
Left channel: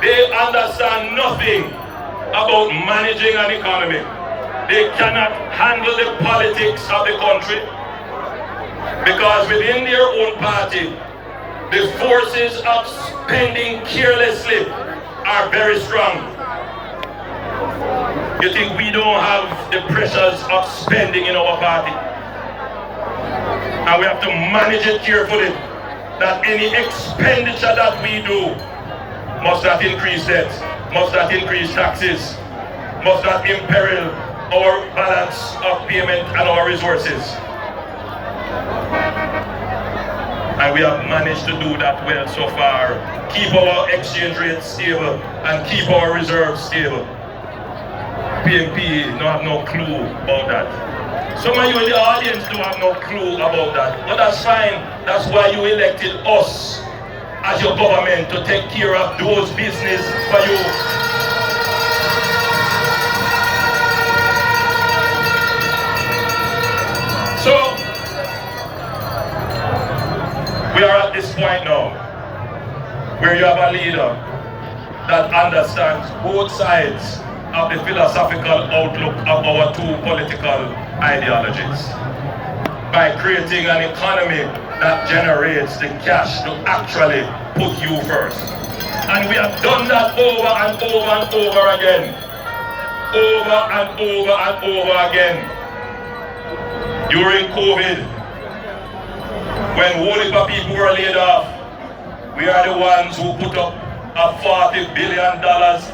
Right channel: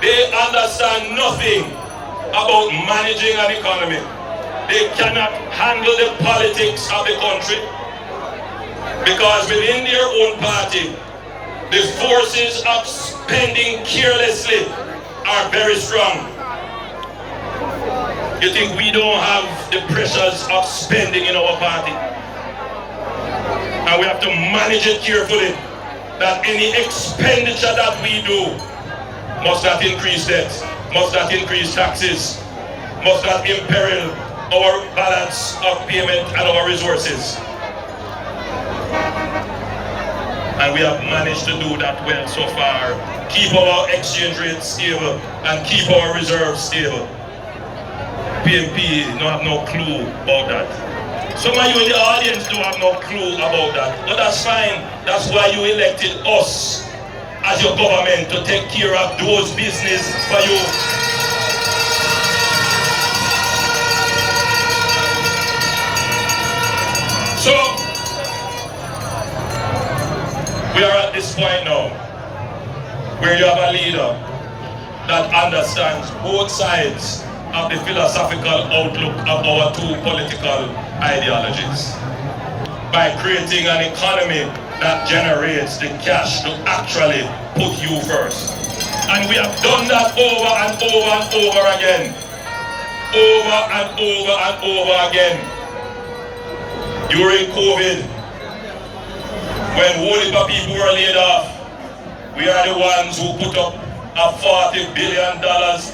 they understand nothing about managing an economy. They cannot handle the politics of the country. Because within their own party, the forces of spending carelessly are very strong. You think we don't have the pressures of spending in our party? And we have to manage it carefully, that any expenditure that we do must not increase debt, must not increase taxes, must not imperil our balance of payment and our resources. And we have managed to do that well so far. Keep our exchange rate stable and keep our reserves stable. PNP don't have no clue about that. Some of you in the audience don't have no clue about that. But that's fine. That's why you elected us as your government to take care of those business for you. So, we are at this point now where you have a leader that understands both sides of the philosophical outlook of our two political ideologies by creating an economy that generates the cash to actually put you first. And we have done that over and over and over again. Over and over and over again. During COVID, when whole heap of people were laid off, we are the ones who put up a $40 billion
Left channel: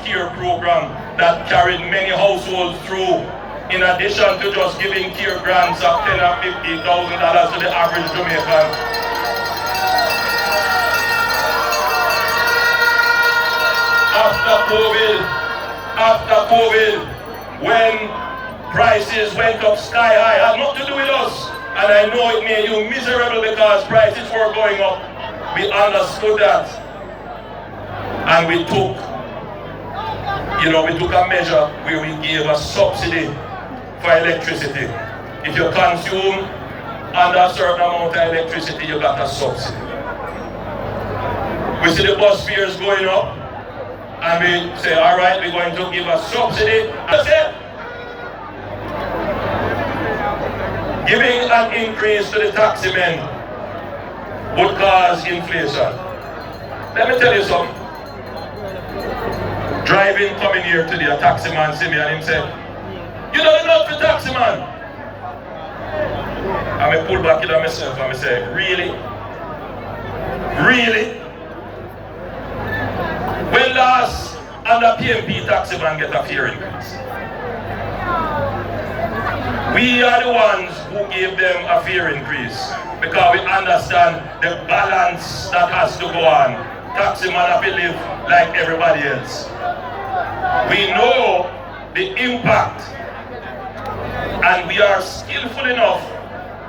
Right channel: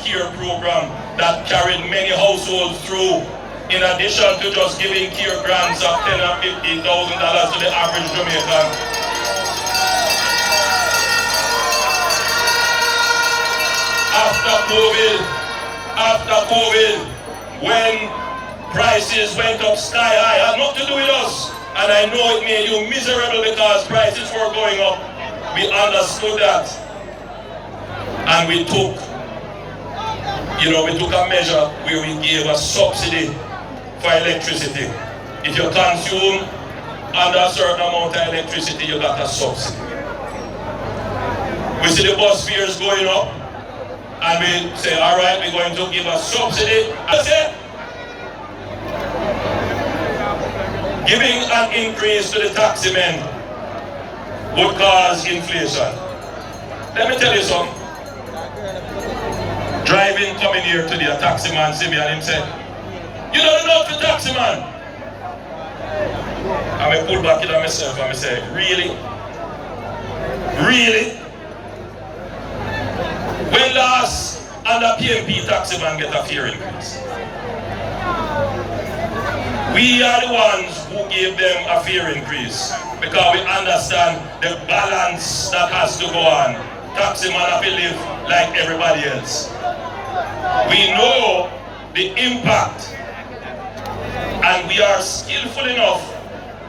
care program that carried many households through, in addition to just giving care grants of $10,000 and $50,000 to the average Jamaican. After COVID, when prices went up sky high, it had nothing to do with us. And I know it made you miserable because prices were going up. We understood that. And we took a measure where we gave a subsidy for electricity. If you consume under a certain amount of electricity, you got a subsidy. We see the bus fares going up, and we say, all right, we're going to give a subsidy. That's it. Giving an increase to the taxi men would cause inflation. Let me tell you something. Driving, coming here today, a taxi man see me and he said, you don't know the taxi man. And I pull back in on myself and I say, really? Really? When last under PMP taxi man get a fare increase? We are the ones who gave them a fare increase because we understand the balance that has to go on. Taxi man have to live like everybody else. We know the impact and we are skillful enough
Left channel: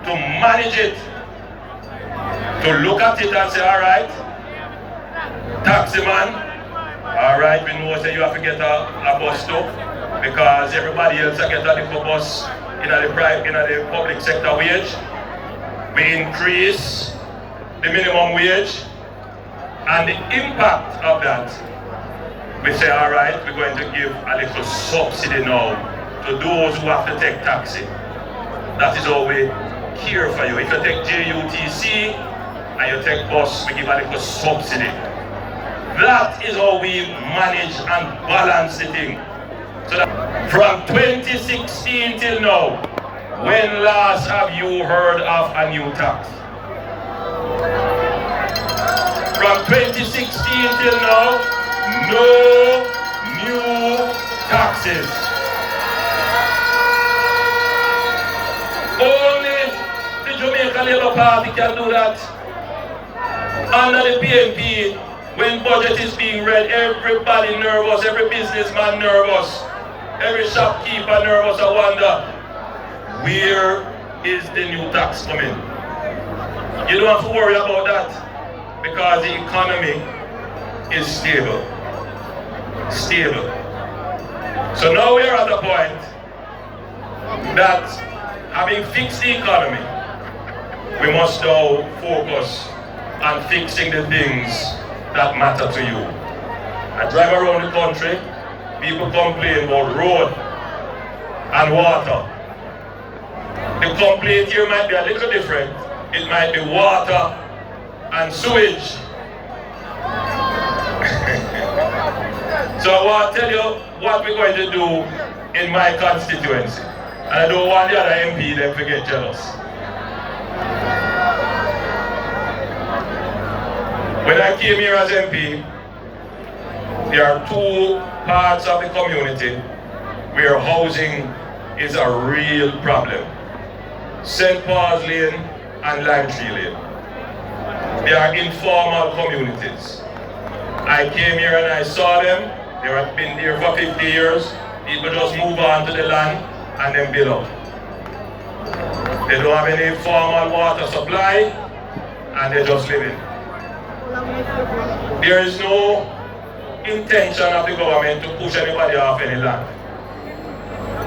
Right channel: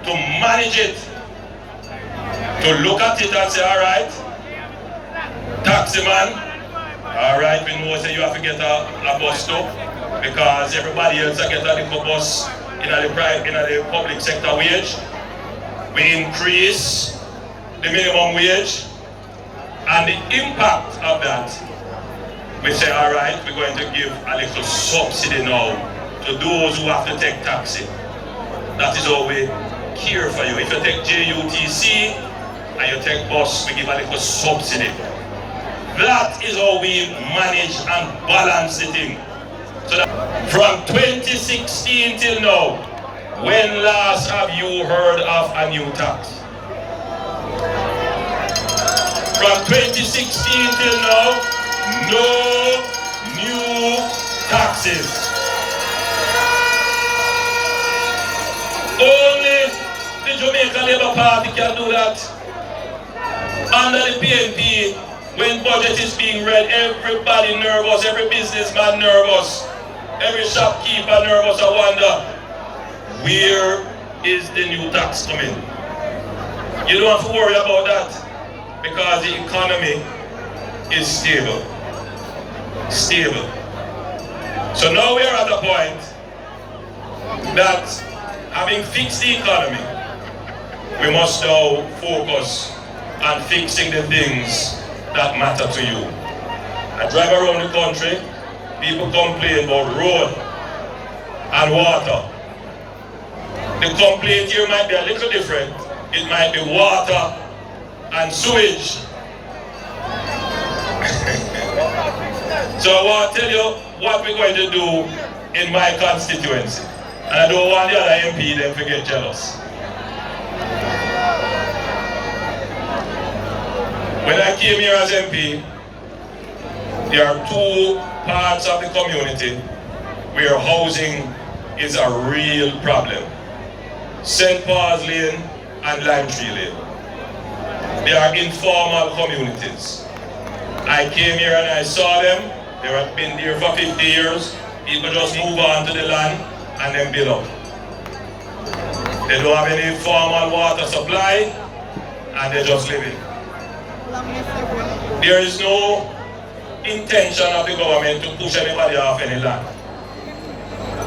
to manage it, to look at it and say, all right, taxi man, all right, we know that you have to get a bus stop because everybody else get a little bus in the public sector wage. We increase the minimum wage and the impact of that, we say, all right, we're going to give a little subsidy now to those who have to take taxi. That is how we care for you. If you take JUTC and you take bus, we give a little subsidy. That is how we manage and balance the thing. So that from 2016 till now, when last have you heard of a new tax? From 2016 till now, no new taxes. Only the Jamaica Labour Party can do that. Under the PNP, when budget is being read, everybody nervous, every businessman nervous, every shopkeeper nervous. I wonder, where is the new tax coming? You don't have to worry about that because the economy is stable. Stable. So now we're at the point that having fixed the economy, we must now focus on fixing the things that matter to you. I drive around the country, people complain about road and water. The complaint here might be a little different. It might be water and sewage. So I want to tell you what we're going to do in my constituency. And I don't want the other MP them to get jealous. When I came here as MP, there are two parts of the community where housing is a real problem. St. Paul's Lane and Lime Tree Lane. They are informal communities. I came here and I saw them. They have been here for 50 years. People just move on to the land and then build up. They don't have any formal water supply and they just live it. There is no intention of the government to push anybody off any land.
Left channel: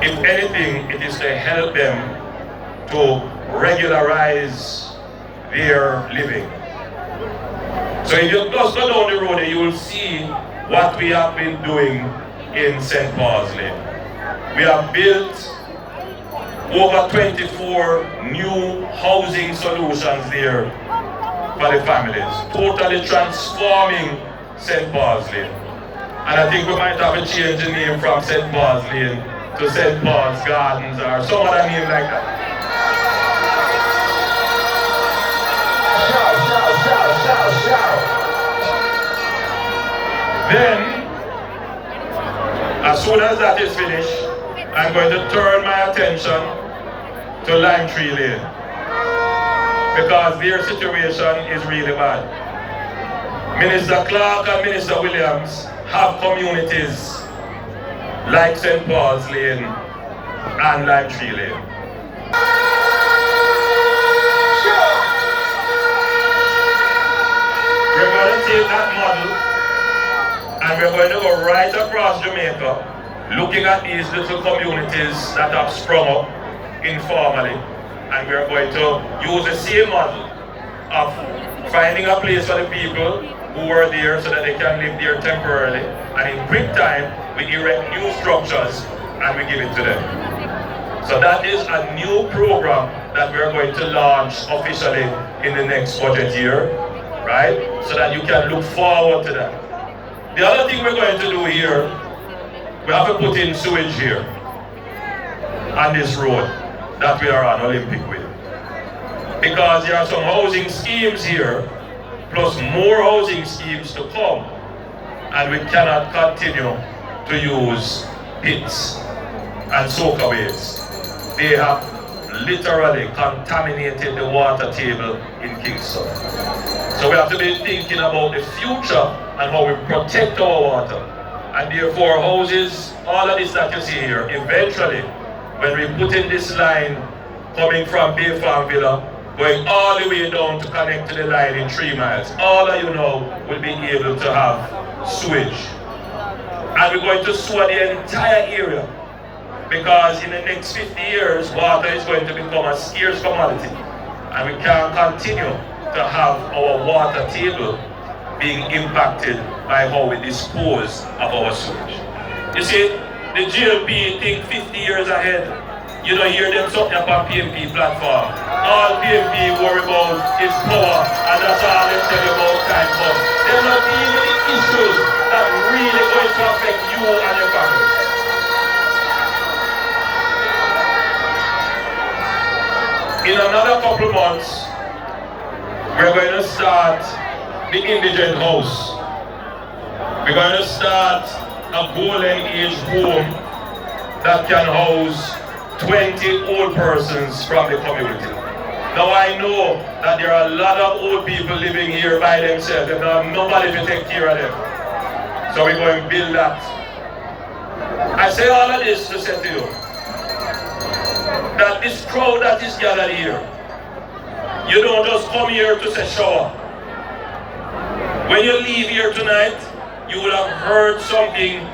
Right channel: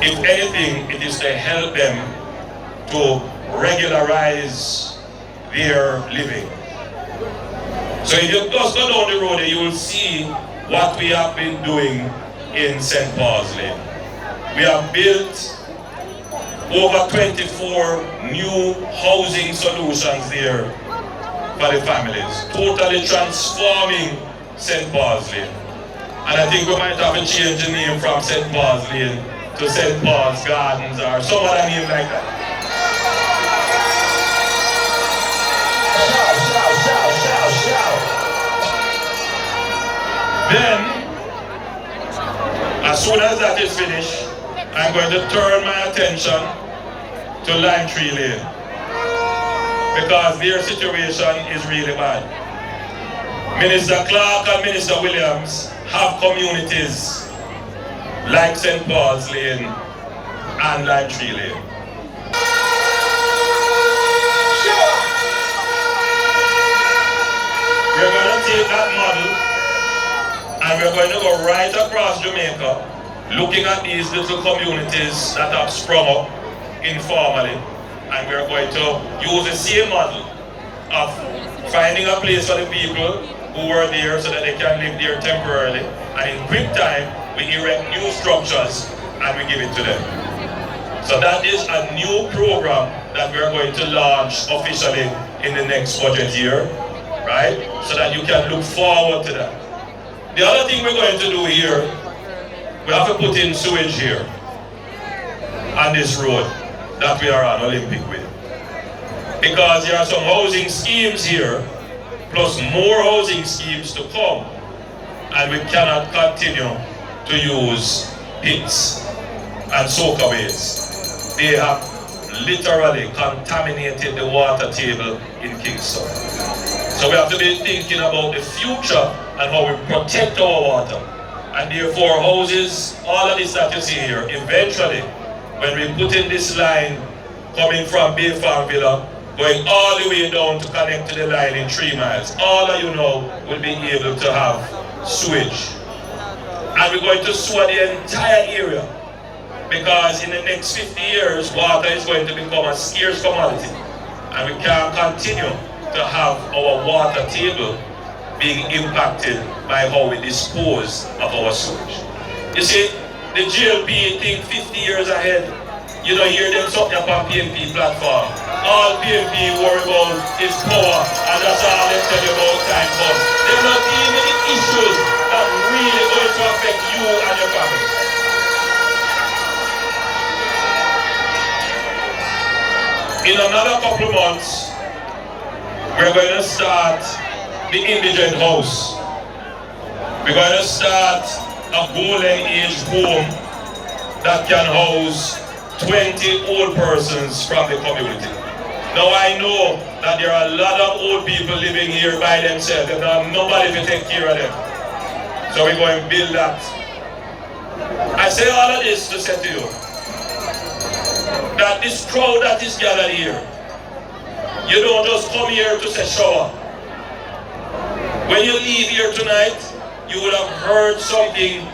If anything, it is to help them to regularize their living. So if you just go down the road, you will see what we have been doing in St. Paul's Lane. We have built over 24 new housing solutions there for the families, totally transforming St. Paul's Lane. And I think we might have to change the name from St. Paul's Lane to St. Paul's Gardens or some other name like that. Then, as soon as that is finished, I'm going to turn my attention to Lime Tree Lane because their situation is really bad. Minister Clark and Minister Williams have communities like St. Paul's Lane and Lime Tree Lane. We're going to take that model and we're going to go right across Jamaica, looking at these little communities that have sprung up informally, and we're going to use the same model of finding a place for the people who are there so that they can live there temporarily, and in quick time we erect new structures and we give it to them. So that is a new program that we're going to launch officially in the next budget year, right? So that you can look forward to that. The other thing we're going to do here, we have to put in sewage here on this road that we are on Olympic with. because there are some housing schemes here, plus more housing schemes to come, and we cannot continue to use pits and soakaways. They have literally contaminated the water table in Kingston. So we have to be thinking about the future and how we protect our water. And therefore houses, all of this that you see here, eventually, when we put in this line coming from Bay Farm Villa, going all the way down to connect to the line in 3 miles, all of you now will be able to have sewage. And we're going to sewer the entire area, because in the next 50 years, water is going to become a scarce commodity. And we can't continue to have our water table being impacted by how we dispose of our sewage. You see, the GLP think 50 years ahead. You don't hear them something up on PMP platform. All PMP worry about is power, and that's all they tell you about time comes. They're not dealing with the issues that really going to affect you and your family. In another couple of months, we're going to start the indigent house. We're going to start a golden age home that can house 20 old persons from the community. Now I know that there are a lot of old people living here by themselves. They don't have nobody to take care of them. So we're going to build that. I say all of this to say to you that this crowd that is gathered here, you don't just come here to say shower. When you leave here tonight, you will have heard something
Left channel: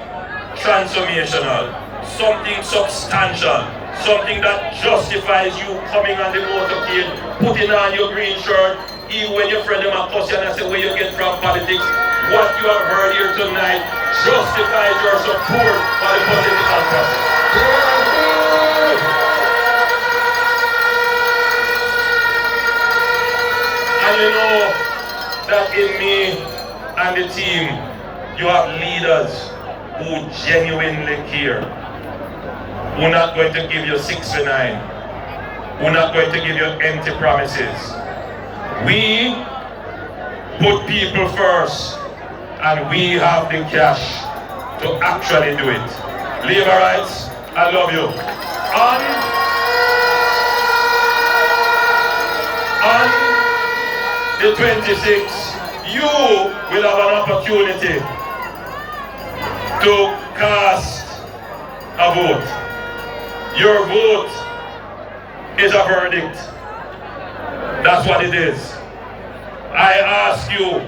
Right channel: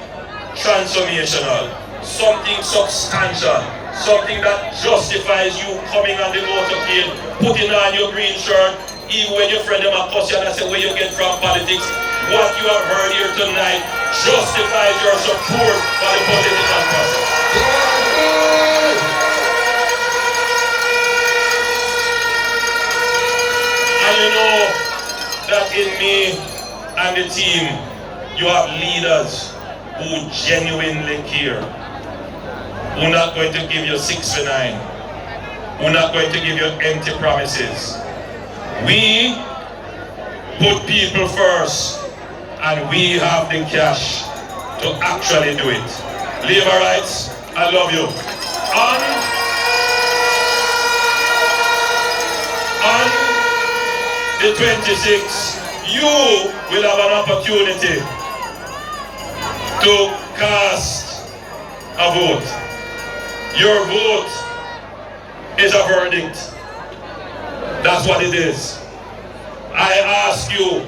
transformational, something substantial, something that justifies you coming on the motorcade, putting on your green shirt, even when your friend them a cuss you and say where you get from politics. What you have heard here tonight justifies your support for the political process. And you know that in me and the team, you have leaders who genuinely care. We're not going to give you 6 for 9. We're not going to give you empty promises. We put people first, and we have the cash to actually do it. Labor rights, I love you. On the 26th, you will have an opportunity to cast a vote. Your vote is a verdict. That's what it is. I ask you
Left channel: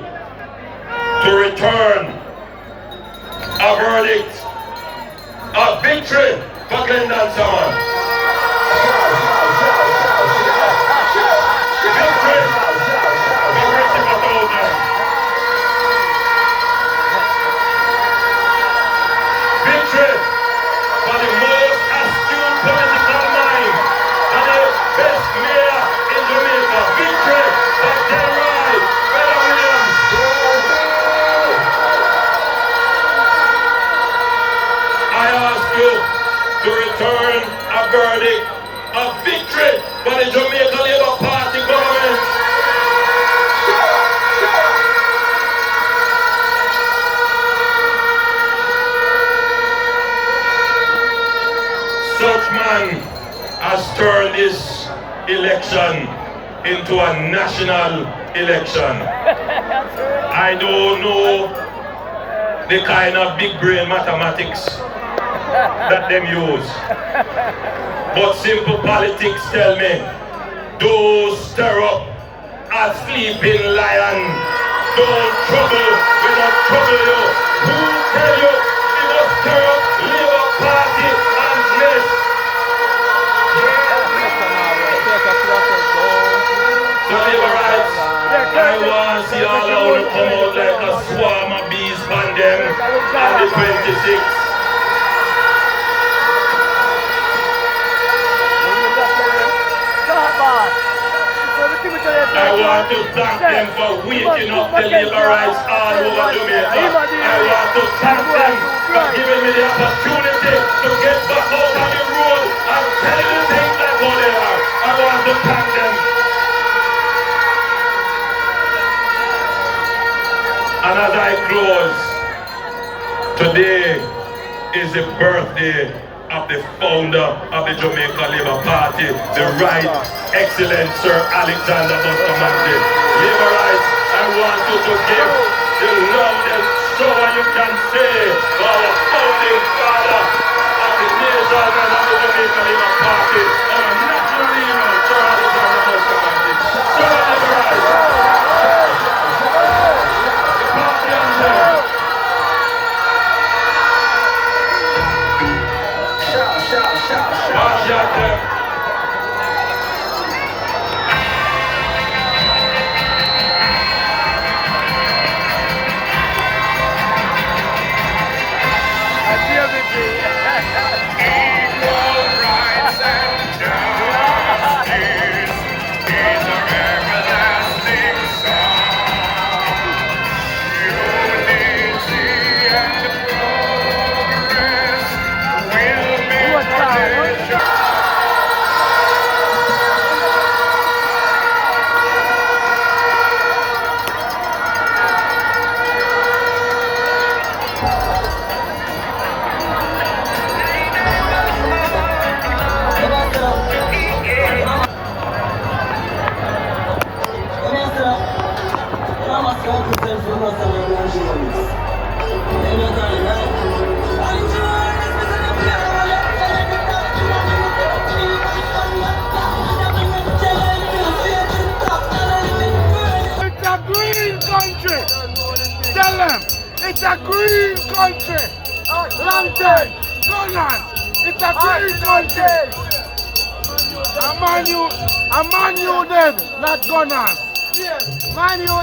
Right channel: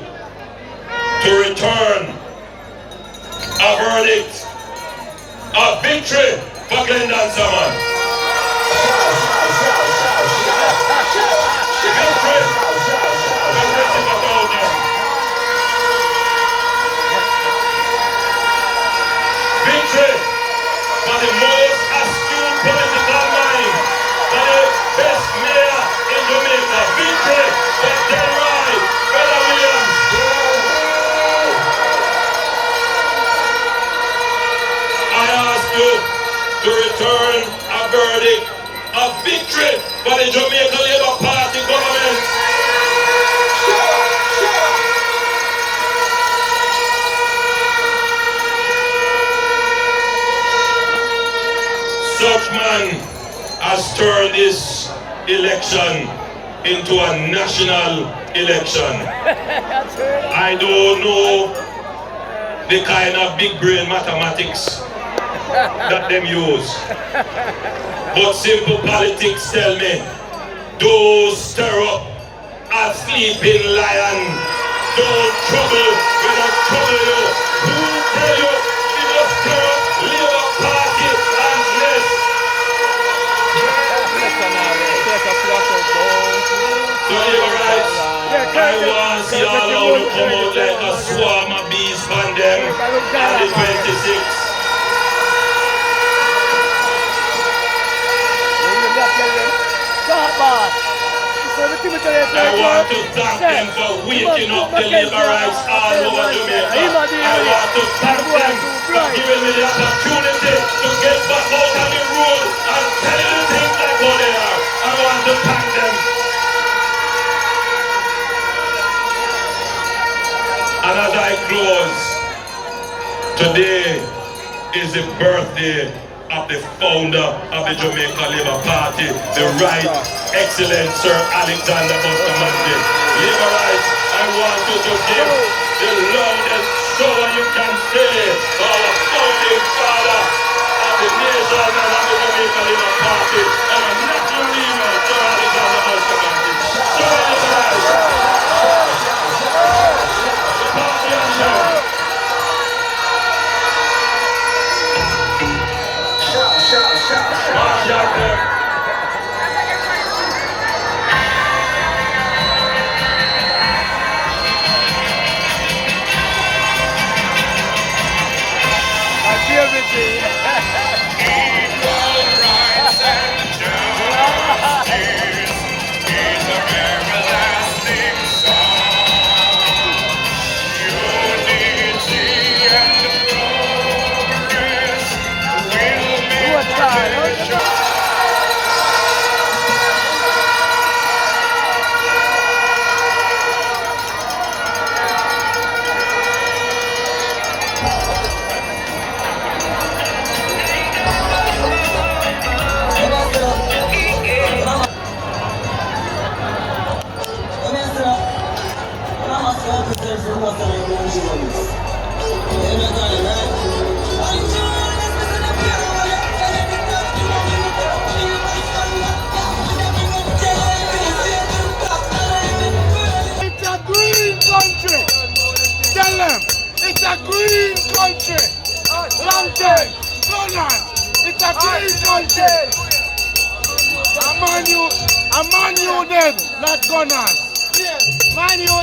to return a verdict, a victory for Glendon Salmon. Victory. Victory for the most astute political mind, for the best mayor in Jamaica. Victory for Delroy, Fred Williams. I ask you to return a verdict, a victory for the Jamaica Labour Party government. Such man has turned this election into a national election. I don't know the kind of big brain mathematics that them use, but simple politics tell me, those stir up a sleeping lion. Don't trouble, we don't trouble you. Who tell you, we must stir up Labour Party and yes. So Labour rights, I want to see all of them come out like a swarm of bees from them on the 26th. I want to thank them for waking up the Labour rights all over Jamaica. I want to thank them for giving me the opportunity to get back out on the road and tell the things that go there. I want to thank them. Today is the birthday of the founder of the Jamaica Labour Party, the Right Excellent Sir Alexander Bustamante. Labour Rights, I want you to give the loudest show you can say for our founding father of the nation and of the Jamaica Labour Party, our national leader, Sir Alexander Bustamante. Show Labour Rights. The party anthem. March out It's a green country. Long time. Gunland. It's a green country. A man you them, not gunners. Man you